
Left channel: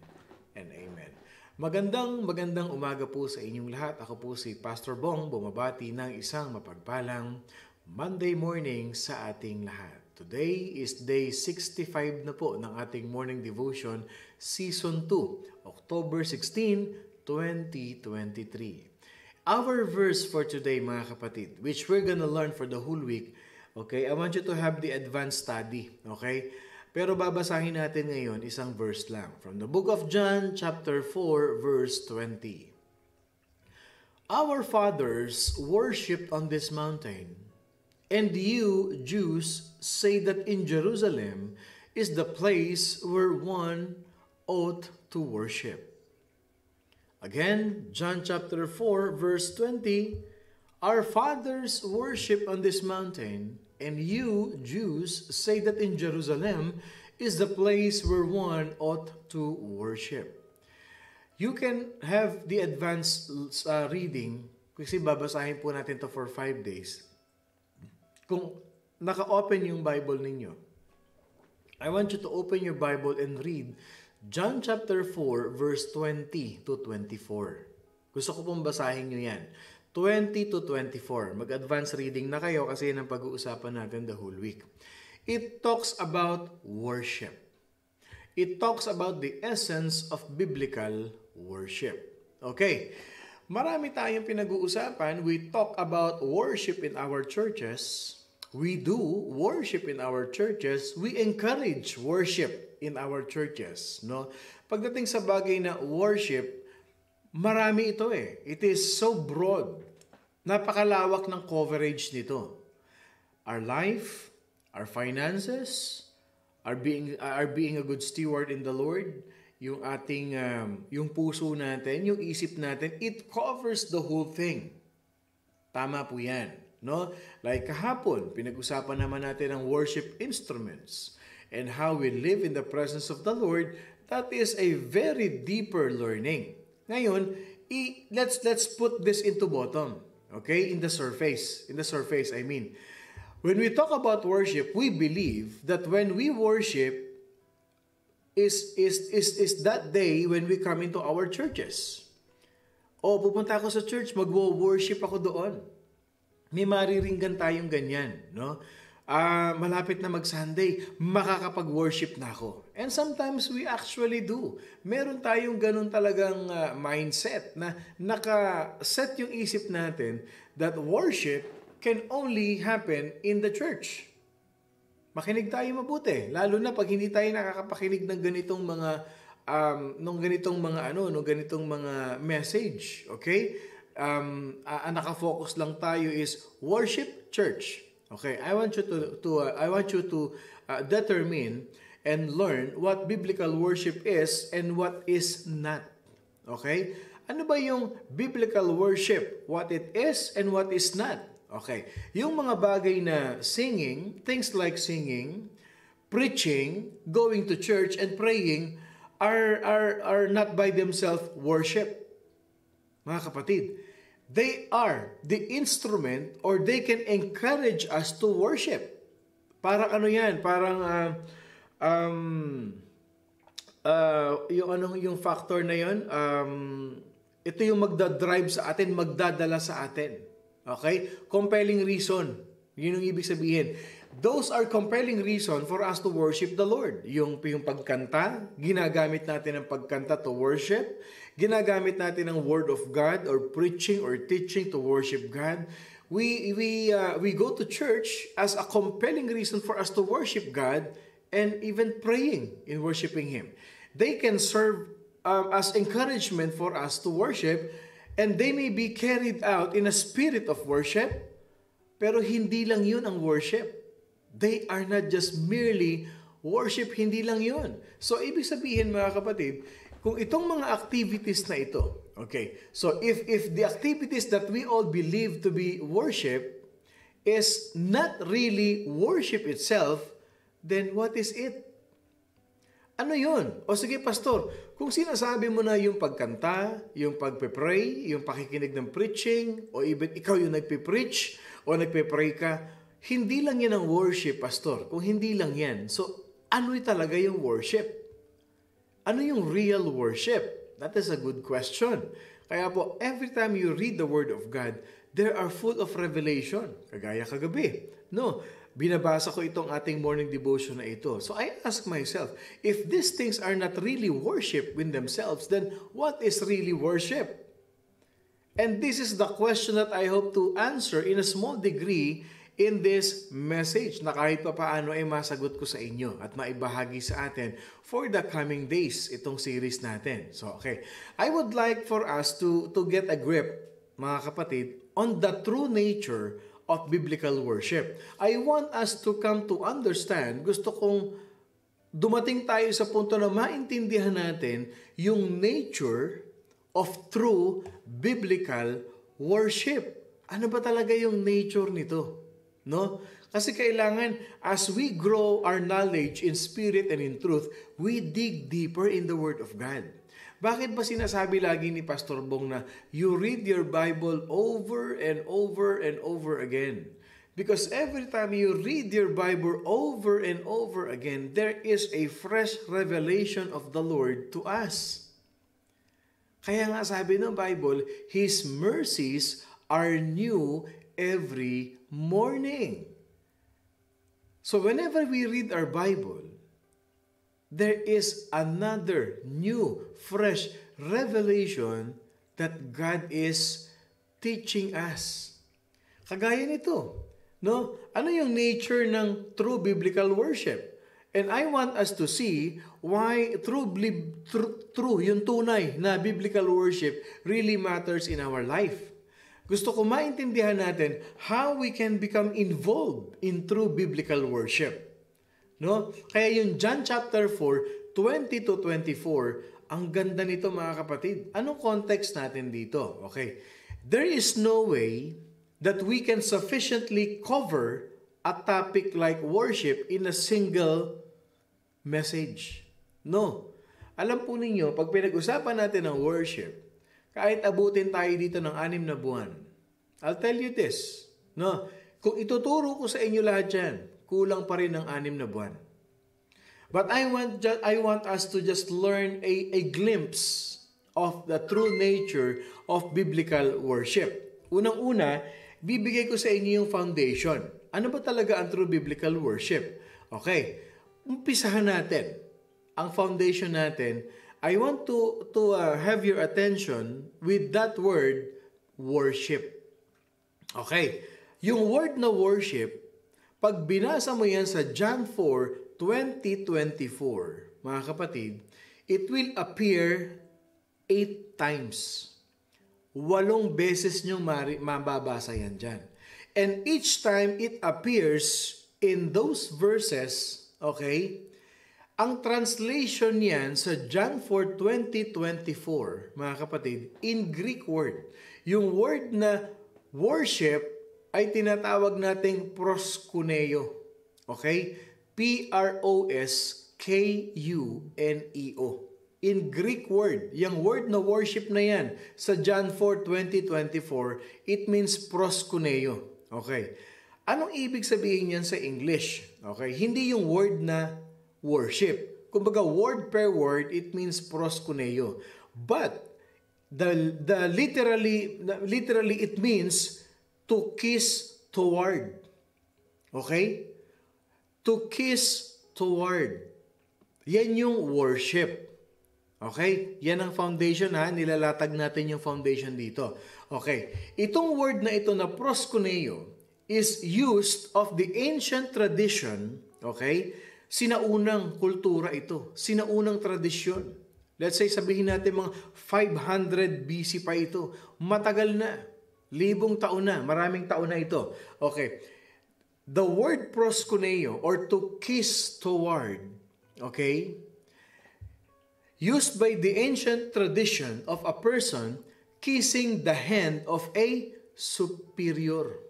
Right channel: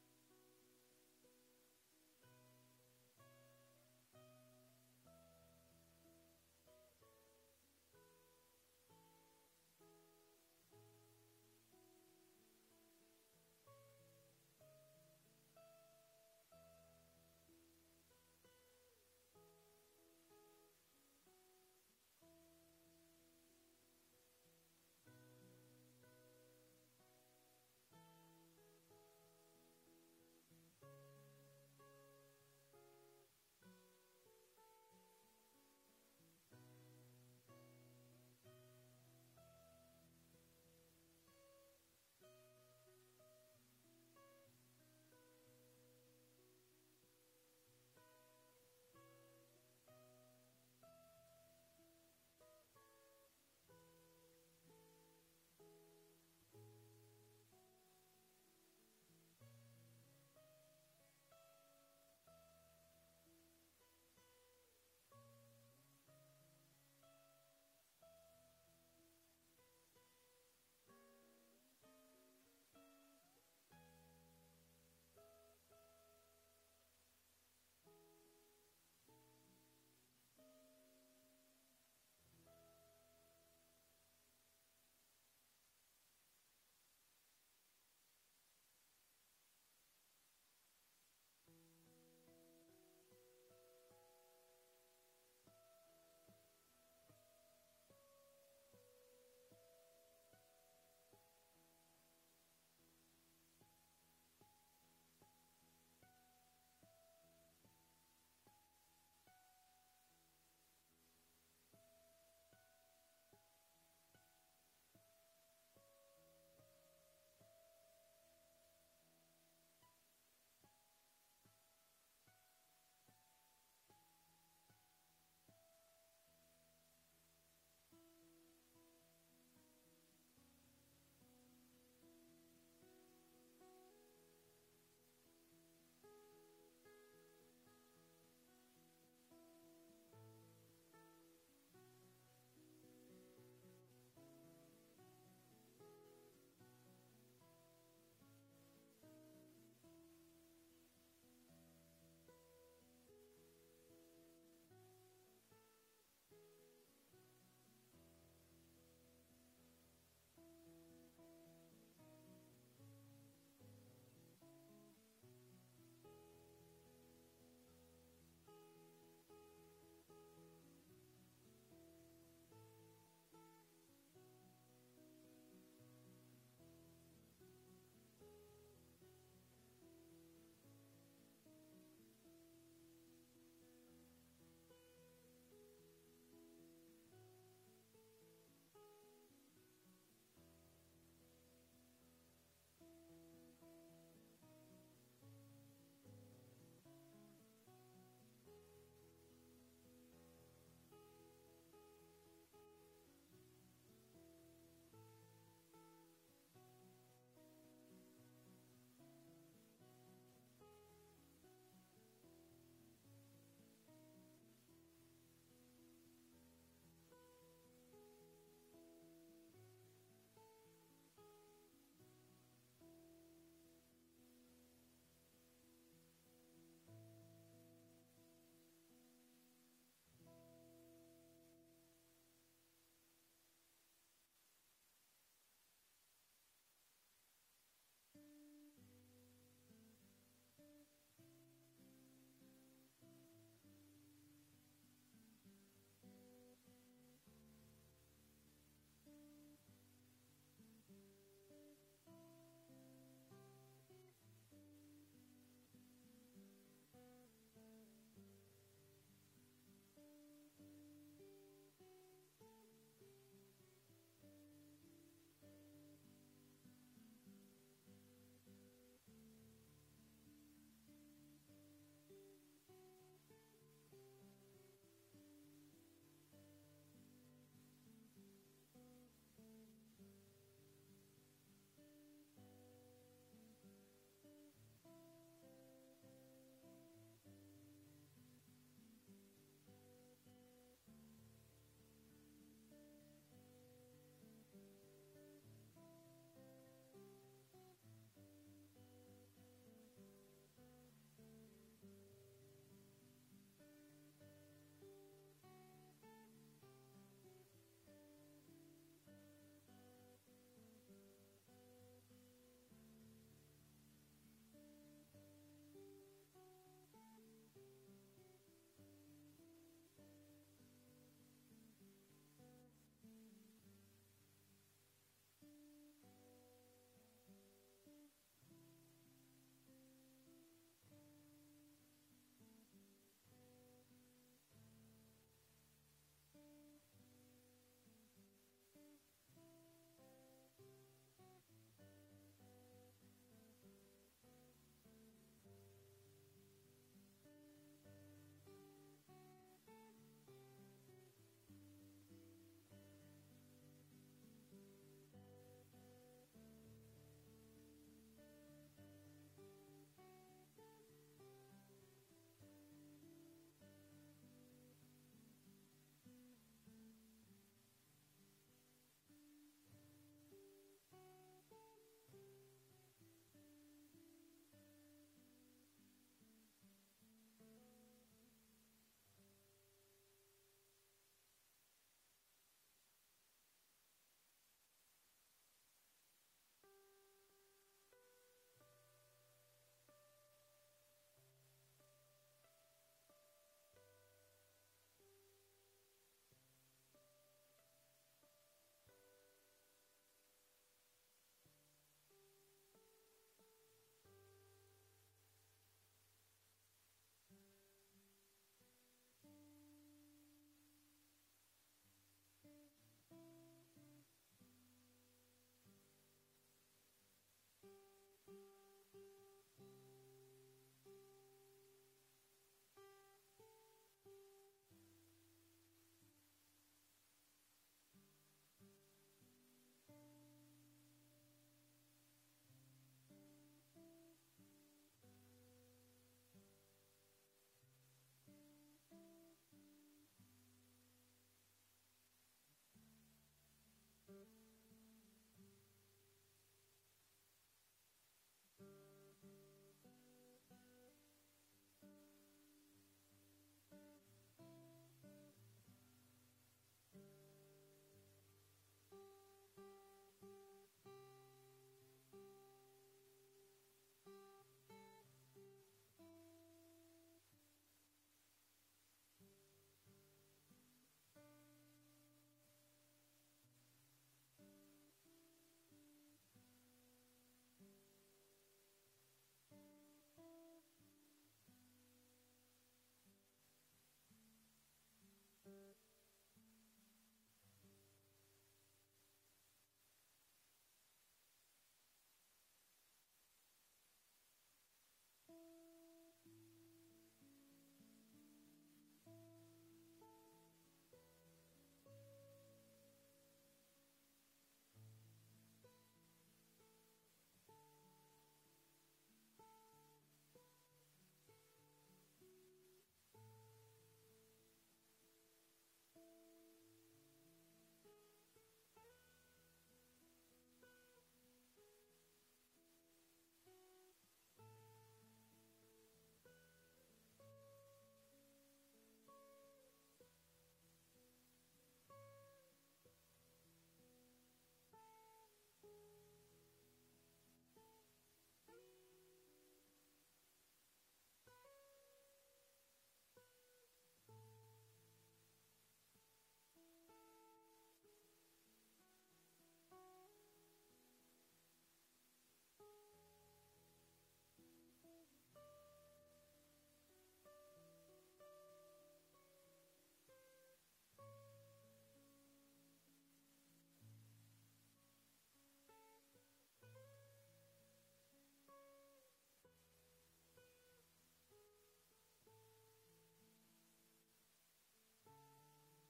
and amen. Magandang umaga po sa inyong lahat. Ako po si Pastor Bong, bumabati ng isang mapagpalang Monday morning sa ating lahat. Today is day 65 na po ng ating morning devotion, Season 2, October 16, 2023. Our verse for today, mga kapatid, which we're gonna learn for the whole week, okay? I want you to have the advanced study, okay? Pero babasahin natin ngayon isang verse lang. From the book of John, chapter 4, verse 20. Our fathers worshipped on this mountain, and you, Jews, say that in Jerusalem is the place where one ought to worship. Again, John chapter 4, verse 20. Our fathers worship on this mountain, and you, Jews, say that in Jerusalem is the place where one ought to worship. You can have the advanced reading, kasi babasahin po natin to for 5 days. Kung naka-open yung Bible ninyo, I want you to open your Bible and read John chapter 4, verse 20 to 24. Gusto ko pong basahin nyo yan. 20 to 24. Mag-advance reading na kayo kasi yan ang pag-uusapan natin the whole week. It talks about worship. It talks about the essence of biblical worship. Okay. Marami tayong pinag-uusapan. We talk about worship in our churches. We do worship in our churches. We encourage worship in our churches. No? Pagdating sa bagay na worship, marami ito eh. It is so broad. Napakalawak ng coverage nito. Our life, our finances, our being a good steward in the Lord, yung ating yung puso natin, yung isip natin, it covers the whole thing. Tama po 'yan, no? Like kahapon, pinag-usapan naman natin ang worship instruments and how we live in the presence of the Lord. That is a very deeper learning. Ngayon, let's put this into bottom. Okay? In the surface, I mean. When we talk about worship, we believe that when we worship is that day when we come into our churches. O pupunta ako sa church, magwo-worship ako doon. May mariringgan tayong ganyan, no? Malapit na mag-Sunday, makakapag-worship na ako. And sometimes we actually do. Meron tayong ganun talagang mindset na naka-set yung isip natin that worship can only happen in the church. Makinig tayo mabuti, lalo na pag hindi tayo nakakapakinig ng ganitong mga message, okay? Naka-focus lang tayo is worship church. Okay, I want you to determine and learn what biblical worship is and what is not. Okay? Ano ba yung biblical worship? What it is and what is not. Okay. Yung mga bagay na singing, things like singing, preaching, going to church, and praying are not by themselves worship. Mga kapatid, they are the instrument or they can encourage us to worship. Parang ano yan? Parang yung factor na yun, ito yung magdadrive sa atin, magdadala sa atin. Okay? Compelling reason. Yun yung ibig sabihin. Those are compelling reason for us to worship the Lord. Yung pagkanta, ginagamit natin ang pagkanta to worship. Ginagamit natin ang Word of God or preaching or teaching to worship God. We go to church as a compelling reason for us to worship God and even praying in worshiping Him. They can serve as encouragement for us to worship, and they may be carried out in a spirit of worship, pero hindi lang yun ang worship. They are not just merely worship, hindi lang yun. So, ibig sabihin mga kapatid, kung itong mga activities na ito, okay, so if the activities that we all believe to be worship is not really worship itself, then what is it? Ano yun? O sige, pastor, kung sinasabi mo na yung pagkanta, yung pagpe-pray, yung pakikinig ng preaching, o even ikaw yung nagpe-preach o nagpe-pray ka, hindi lang yan ang worship, pastor. Kung hindi lang yan, so ano talaga yung worship? Ano yung real worship? That is a good question. Kaya po, every time you read the Word of God, they are full of revelation. Kagaya kagabi. No, binabasa ko itong ating morning devotion na ito. So I ask myself, if these things are not really worship in themselves, then what is really worship? And this is the question that I hope to answer in a small degree in this message na kahit pa paano ay masagot ko sa inyo at maibahagi sa atin for the coming days, itong series natin. So, okay. I would like for us to get a grip, mga kapatid, on the true nature of biblical worship. I want us to come to understand, gusto kong dumating tayo sa punto na maintindihan natin yung nature of true biblical worship. Ano ba talaga yung nature nito? No? Kasi kailangan, as we grow our knowledge in spirit and in truth, we dig deeper in the Word of God. Bakit ba sinasabi lagi ni Pastor Bong na you read your Bible over and over and over again? Because every time you read your Bible over and over again, there is a fresh revelation of the Lord to us. Kaya nga sabi ng Bible, His mercies are new every morning. So whenever we read our Bible, there is another new, fresh revelation that God is teaching us. Kagaya nito, no? Ano yung nature ng true biblical worship? And I want us to see why true, yung tunay na biblical worship really matters in our life. Gusto ko maintindihan natin how we can become involved in true biblical worship. No? Kaya yung John chapter 4, 20 to 24, ang ganda nito mga kapatid. Anong context natin dito? Okay. There is no way that we can sufficiently cover a topic like worship in a single message. No. Alam po ninyo, pag pinag-usapan natin ng worship, kahit abutin tayo dito ng 6 na buwan, I'll tell you this, no? Kung ituturo ko sa inyo lahat yan, kulang pa rin ng 6 na buwan. But I want us to just learn a glimpse of the true nature of biblical worship. Unang-una, bibigay ko sa inyo yung foundation. Ano ba talaga ang true biblical worship? Okay, umpisahan natin. Ang foundation natin, I want to have your attention with that word, worship. Okay, yung word na worship, pag binasa mo yan sa John 4, 20-24, mga kapatid, it will appear 8 times. 8 beses nyo mababasa yan dyan. And each time it appears in those verses, okay, Ang translation niyan sa John 4:20-24, mga kapatid, in Greek word. Yung word na worship ay tinatawag nating proskuneo. Okay? Proskuneo. In Greek word, yung word na worship na yan, sa John 4:20-24, it means proskuneo. Okay. Anong ibig sabihin yan sa English? Okay. Hindi yung word na worship. Kumbaga, word per word, it means proskuneo. But, literally, it means to kiss toward. Okay? To kiss toward. Yan yung worship. Okay? Yan ang foundation ha. Nilalatag natin yung foundation dito. Okay. Itong word na ito na proskuneo is used of the ancient tradition. Okay? Sinaunang kultura ito. Sinaunang tradisyon. Let's say, sabihin natin mga 500 BC pa ito. Matagal na. Libong taon na. Maraming taon na ito. Okay. The word proskuneo or to kiss toward, okay, used by the ancient tradition of a person kissing the hand of a superior.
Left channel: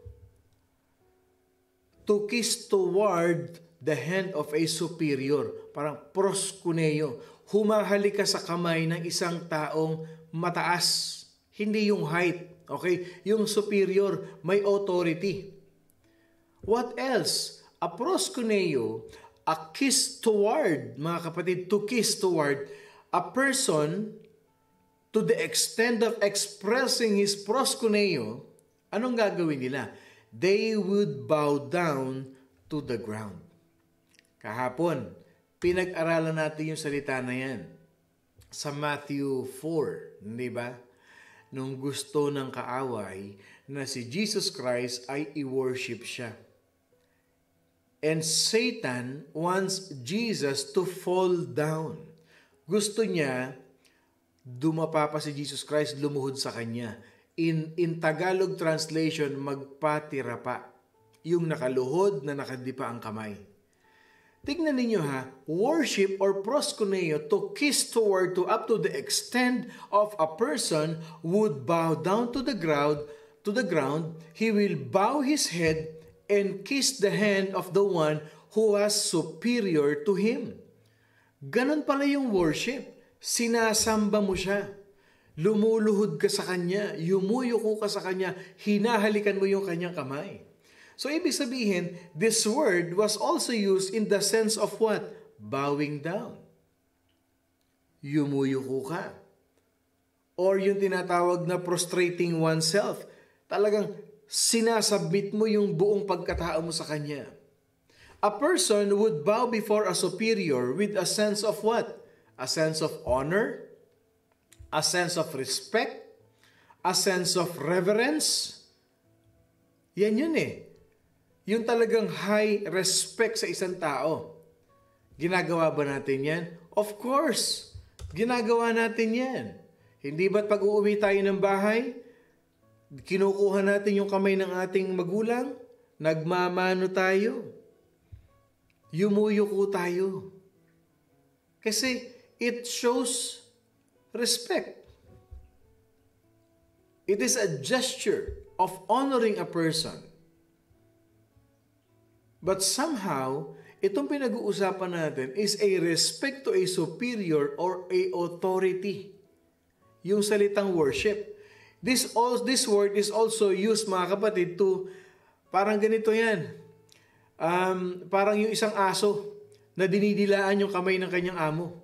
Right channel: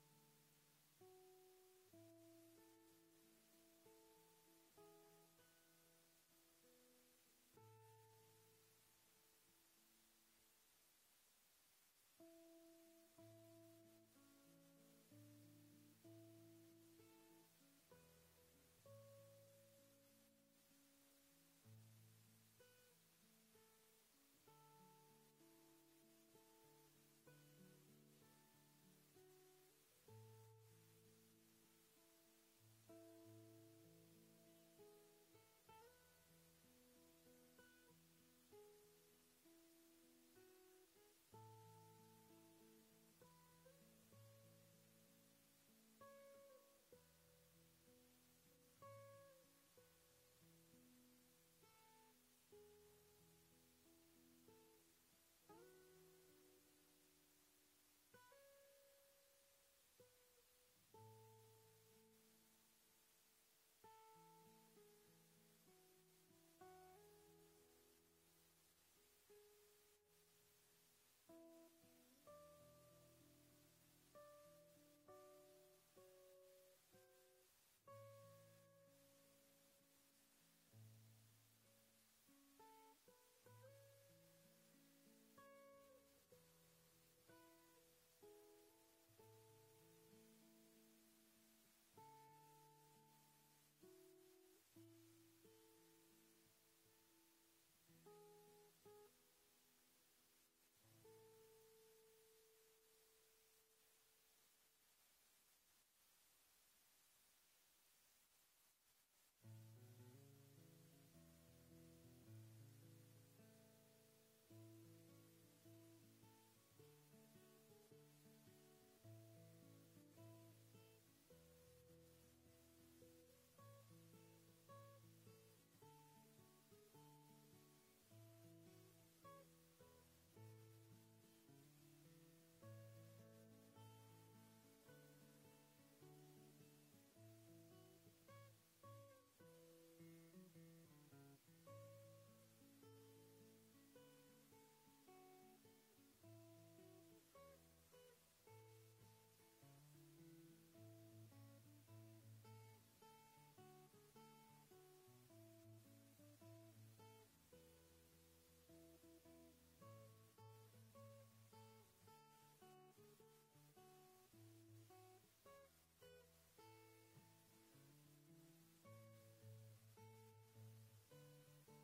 To kiss toward the hand of a superior. Parang proskuneo. Humahali ka sa kamay ng isang taong mataas. Hindi yung height. Okay? Yung superior, may authority. What else? A proskuneo, a kiss toward, mga kapatid, to kiss toward a person to the extent of expressing his proskuneo, anong gagawin nila? They would bow down to the ground. Kahapon, pinag-aralan natin yung salita na yan sa Matthew 4, di ba? Nung gusto ng kaaway na si Jesus Christ ay i-worship siya. And Satan wants Jesus to fall down. Gusto niya, dumapa pa si Jesus Christ, lumuhod sa kanya. In Tagalog translation, magpatira pa. Yung nakaluhod na nakadipa ang kamay. Tignan ninyo ha, worship or proskuneo, to kiss toward, to up to the extent of a person would bow down to the ground, he will bow his head and kiss the hand of the one who was superior to him. Ganon pala yung worship. Sinasamba mo siya. Lumuluhod ka sa kanya. Yumuyuko ka sa kanya. Hinahalikan mo yung kanyang kamay. So, ibig sabihin, this word was also used in the sense of what? Bowing down. Yumuyuko ka. Or yung tinatawag na prostrating oneself. Talagang sinasabit mo yung buong pagkatao mo sa kanya. A person would bow before a superior with a sense of what? A sense of honor, a sense of respect, a sense of reverence. Yan yun eh. Yung talagang high respect sa isang tao. Ginagawa ba natin yan? Of course. Ginagawa natin yan. Hindi ba't pag uuwi tayo ng bahay, kinukuha natin yung kamay ng ating magulang, nagmamano tayo, yumuyuko tayo. Kasi it shows respect. It is a gesture of honoring a person. But somehow, itong pinag-uusapan natin is a respect to a superior or a authority. Yung salitang worship. This word is also used, mga kapatid, to parang ganito yan. Parang yung isang aso na dinidilaan yung kamay ng kanyang amo.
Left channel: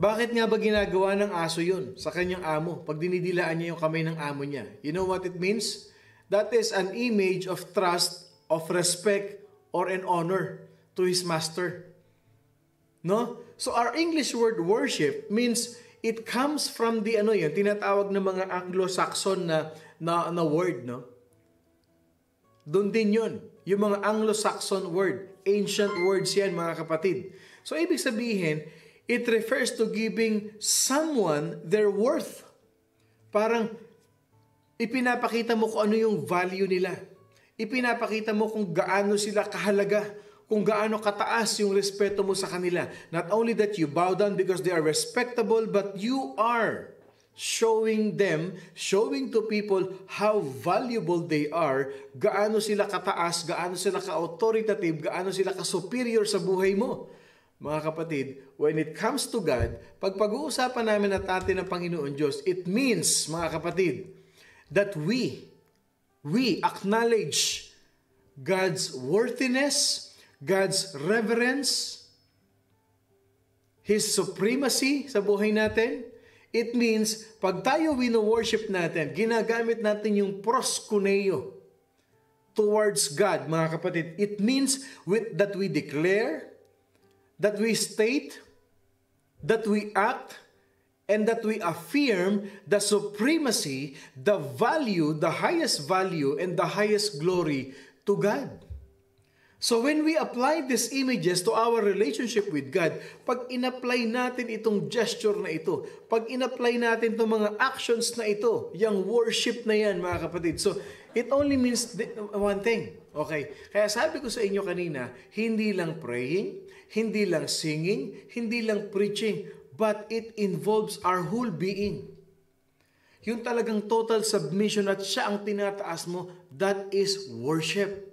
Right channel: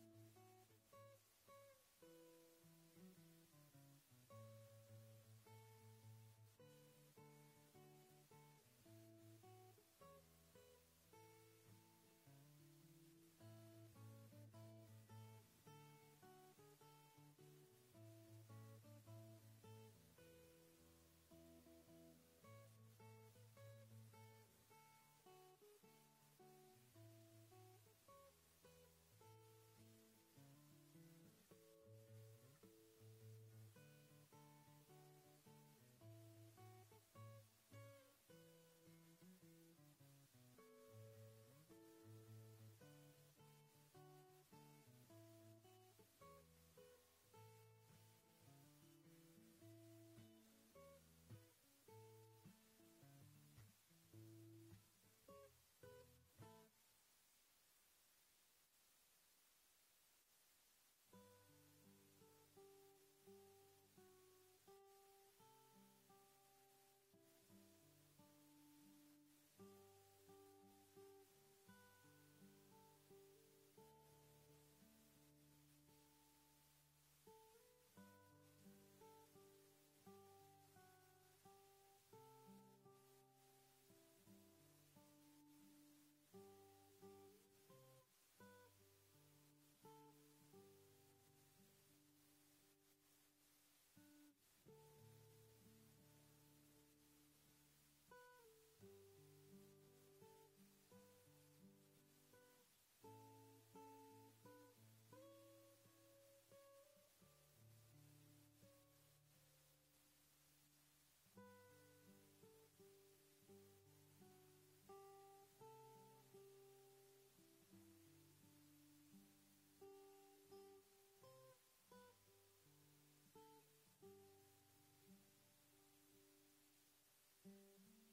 Bakit nga ba ginagawa ng aso yun sa kanyang amo pag dinidilaan niya yung kamay ng amo niya? You know what it means? That is an image of trust, of respect, or an honor to his master. No? So our English word worship means it comes from the tinatawag ng mga Anglo-Saxon na word, no? Doon din yun. Yung mga Anglo-Saxon word. Ancient words yan, mga kapatid. So, ibig sabihin, it refers to giving someone their worth. Parang, ipinapakita mo kung ano yung value nila. Ipinapakita mo kung gaano sila kahalaga. kung gaano kataas yung respeto mo sa kanila. Not only that you bow down because they are respectable, but you are showing to people how valuable they are, gaano sila kataas, gaano sila ka-authoritative, gaano sila ka-superior sa buhay mo. Mga kapatid, when it comes to God, pag pag-uusapan namin at atin ng Panginoon Diyos, it means, mga kapatid, that we acknowledge God's worthiness, God's reverence, His supremacy sa buhay natin. It means, pag tayo wino-worship natin, ginagamit natin yung proskuneo towards God, mga kapatid. It means that we declare, that we state, that we act, and that we affirm the supremacy, the value, the highest value, and the highest glory to God. So when we apply these images to our relationship with God, pag in-apply natin itong gesture na ito, pag in-apply natin itong mga actions na ito, yung worship na yan, mga kapatid. So it only means one thing. Okay? Kaya sabi ko sa inyo kanina, hindi lang praying, hindi lang singing, hindi lang preaching, but it involves our whole being. Yung talagang total submission at siya ang tinataas mo, that is worship.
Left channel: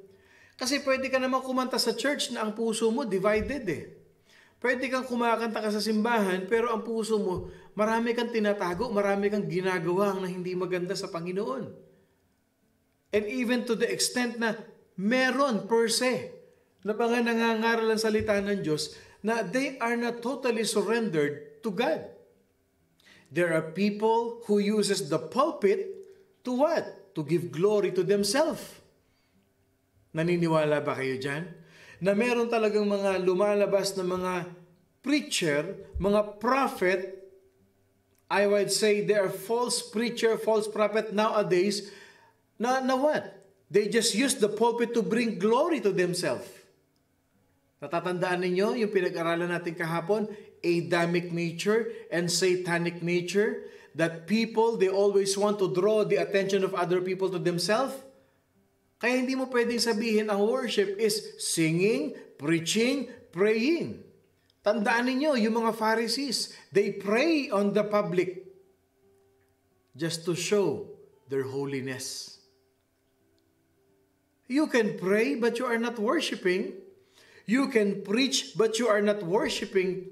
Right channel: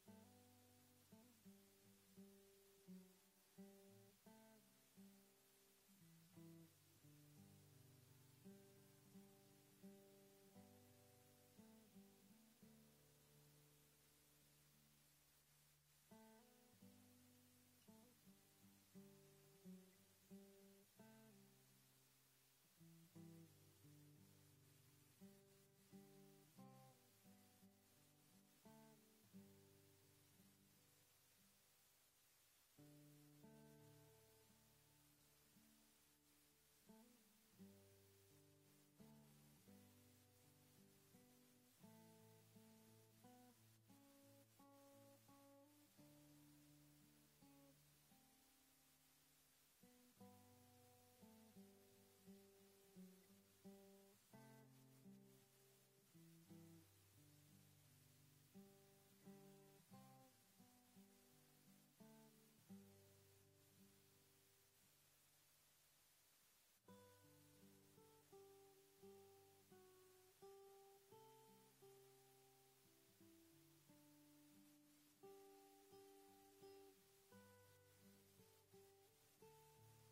Kasi pwede ka naman kumanta sa church na ang puso mo divided eh. Pwede kang kumakanta ka sa simbahan pero ang puso mo, marami kang tinatago, marami kang ginagawa na hindi maganda sa Panginoon. And even to the extent na meron per se na mga nangangaral ang salita ng Diyos na they are not totally surrendered to God. There are people who uses the pulpit to what? To give glory to themselves. Naniniwala ba kayo dyan? Na meron talagang mga lumalabas na mga preacher, mga prophet, I would say they are false preacher, false prophet nowadays, na what? They just use the pulpit to bring glory to themselves. Natatandaan ninyo yung pinag-aralan natin kahapon, Adamic nature and satanic nature, that people, they always want to draw the attention of other people to themselves. Kaya hindi mo pwedeng sabihin ang worship is singing, preaching, praying. Tandaan ninyo, yung mga Pharisees, they pray on the public just to show their holiness. You can pray but you are not worshiping. You can preach but you are not worshiping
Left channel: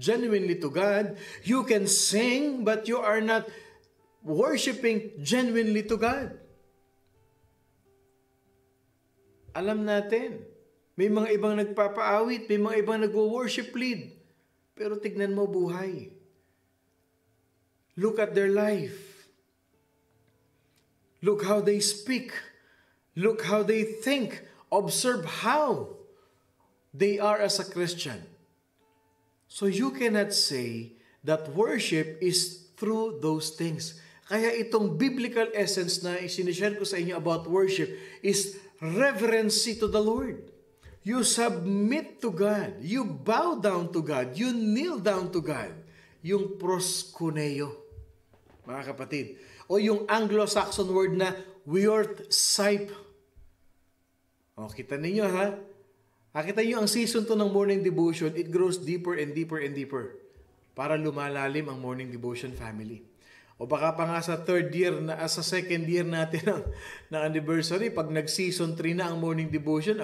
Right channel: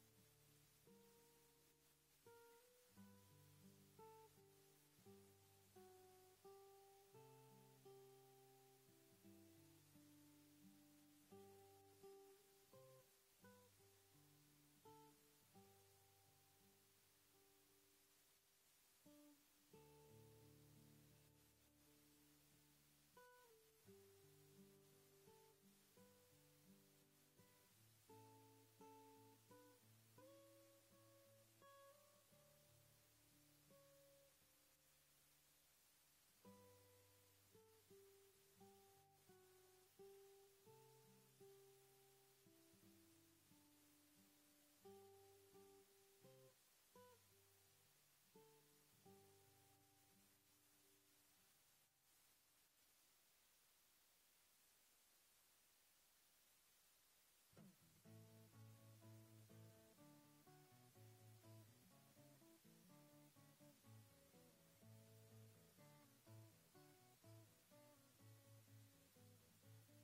genuinely to God. You can sing but you are not worshiping genuinely to God. Alam natin, may mga ibang nagpapaawit, may mga ibang nagwo-worship lead. Pero tignan mo buhay. Look at their life. Look how they speak. Look how they think. Observe how they are as a Christian. So you cannot say that worship is through those things. Kaya itong biblical essence na isinishare ko sa inyo about worship is reverence to the Lord. You submit to God. You bow down to God. You kneel down to God. Yung proskuneo, mga kapatid. O yung Anglo-Saxon word na worship. O, kita ninyo ha? Kita nyo ang season 2 ng morning devotion, it grows deeper and deeper and deeper para lumalalim ang morning devotion family. O baka pa nga sa second year natin ng anniversary, pag nag-season 3 na ang morning devotion,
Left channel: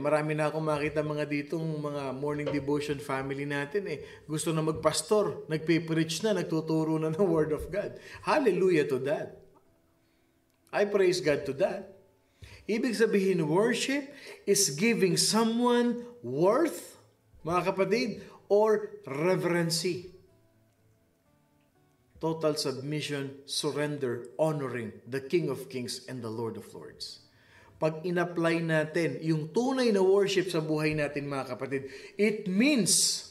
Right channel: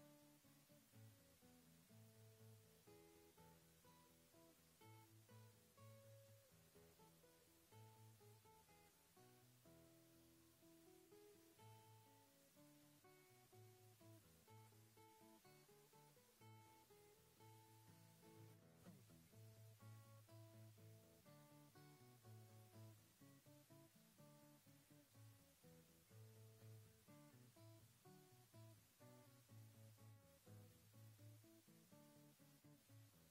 marami na akong makita mga ditong mga morning devotion family natin gusto na magpastor, nagpe-preach na, nagtuturo na ng Word of God. Hallelujah to that. I praise God to that. Ibig sabihin, worship is giving someone worth, mga kapatid, or reverency. Total submission, surrender, honoring the King of Kings and the Lord of Lords. Pag in-apply natin yung tunay na worship sa buhay natin, mga kapatid, it means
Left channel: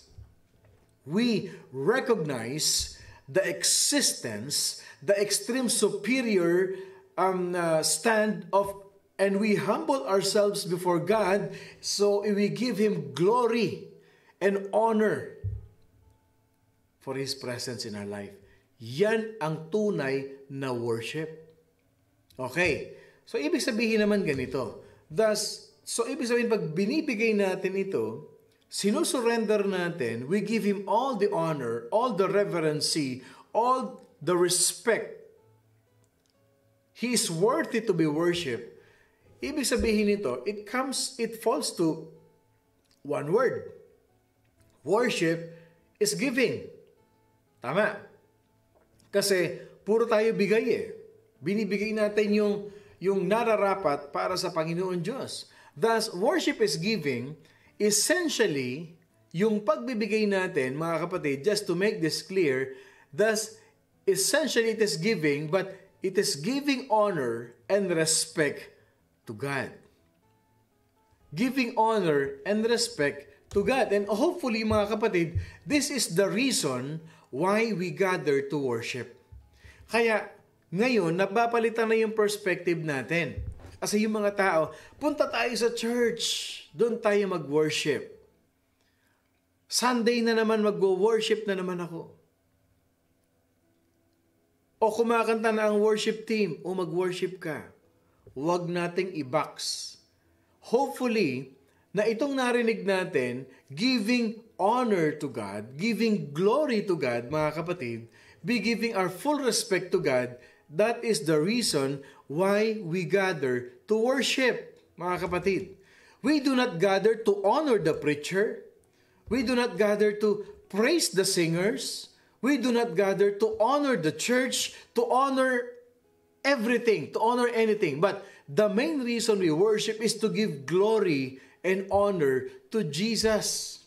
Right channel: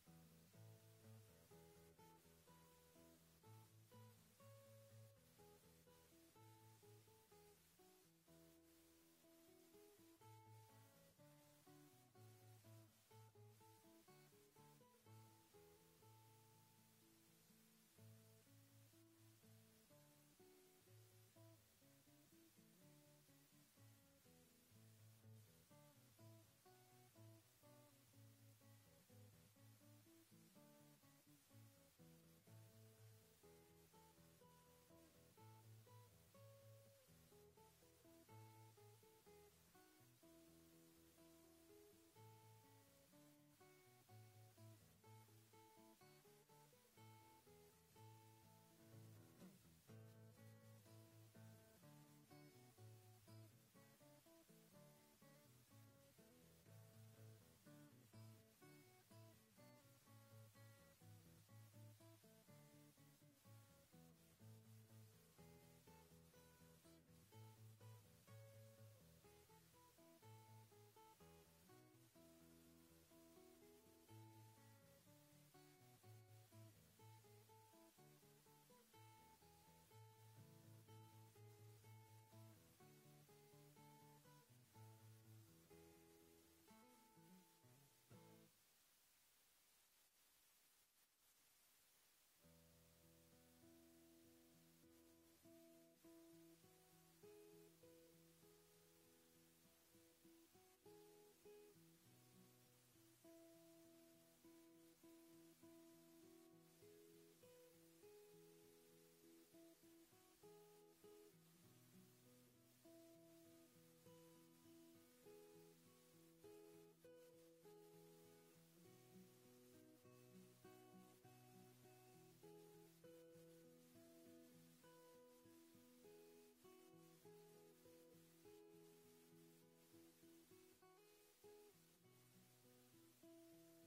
we recognize the existence, the extreme superior stand of, and we humble ourselves before God, so we give Him glory and honor for His presence in our life. Yan ang tunay na worship. Okay. So, ibig sabihin naman ganito. Thus, So, ibig sabihin, pag binibigay natin ito, sinusurrender natin, we give Him all the honor, all the reverency, all the respect. He is worthy to be worshipped. Ibig sabihin nito, it falls to one word. Worship is giving. Tama. Kasi puro tayo bigay eh. Binibigay natin yung nararapat para sa Panginoon Diyos. Thus, worship is giving. Essentially, yung pagbibigay natin, mga kapatid, just to make this clear, thus, essentially it is giving, but it is giving honor and respect to God. Giving honor and respect to God. And hopefully, mga kapatid, this is the reason why we gather to worship. Kaya, ngayon, napapalitan na yung perspective natin. Kasi yung mga tao, punta tayo sa church, doon tayo mag-worship. Sunday na naman, mag-worship na naman ako. O kumakanta na ang worship team, o mag-worship ka. Huwag nating i-box. Hopefully, na itong narinig natin, giving honor to God, giving glory to God, mga kapatid, be giving our full respect to God, that is the reason why we gather to worship, mga kapatid. We do not gather to honor the preacher. We do not gather to praise the singers. We do not gather to honor the church, to honor everything, to honor anything. But the main reason we worship is to give glory and honor to Jesus.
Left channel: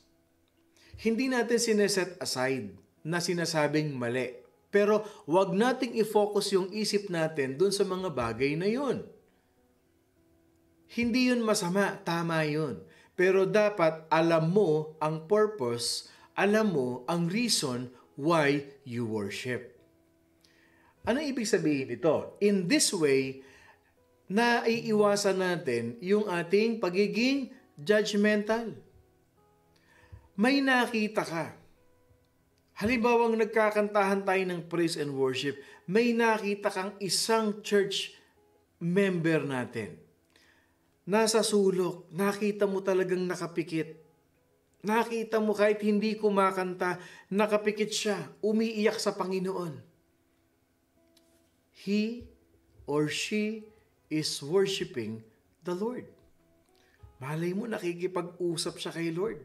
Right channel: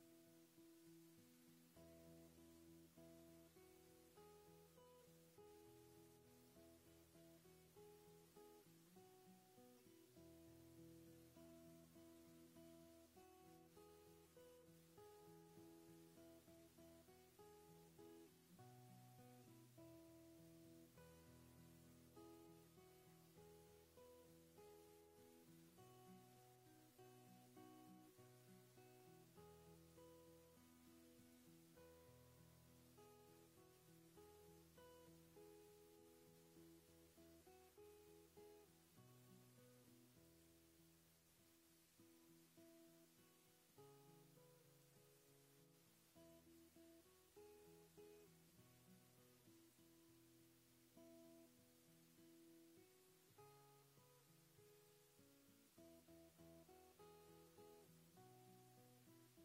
Hindi natin sineset aside na sinasabing mali. Pero wag nating i-focus yung isip natin dun sa mga bagay na yun. Hindi yun masama, tama yun. Pero dapat alam mo ang purpose, alam mo ang reason why you worship. Ano ibig sabihin ito? In this way, naiiwasan natin yung ating pagiging judgmental. May nakita ka. Halimbawang nagkakantahan tayo ng praise and worship, may nakita kang isang church member natin. Nasa sulok, nakita mo talagang nakapikit. Nakita mo kahit hindi kumakanta, nakapikit siya, umiiyak sa Panginoon. He or she is worshiping the Lord. Malay mo, nakikipag-usap siya kay Lord.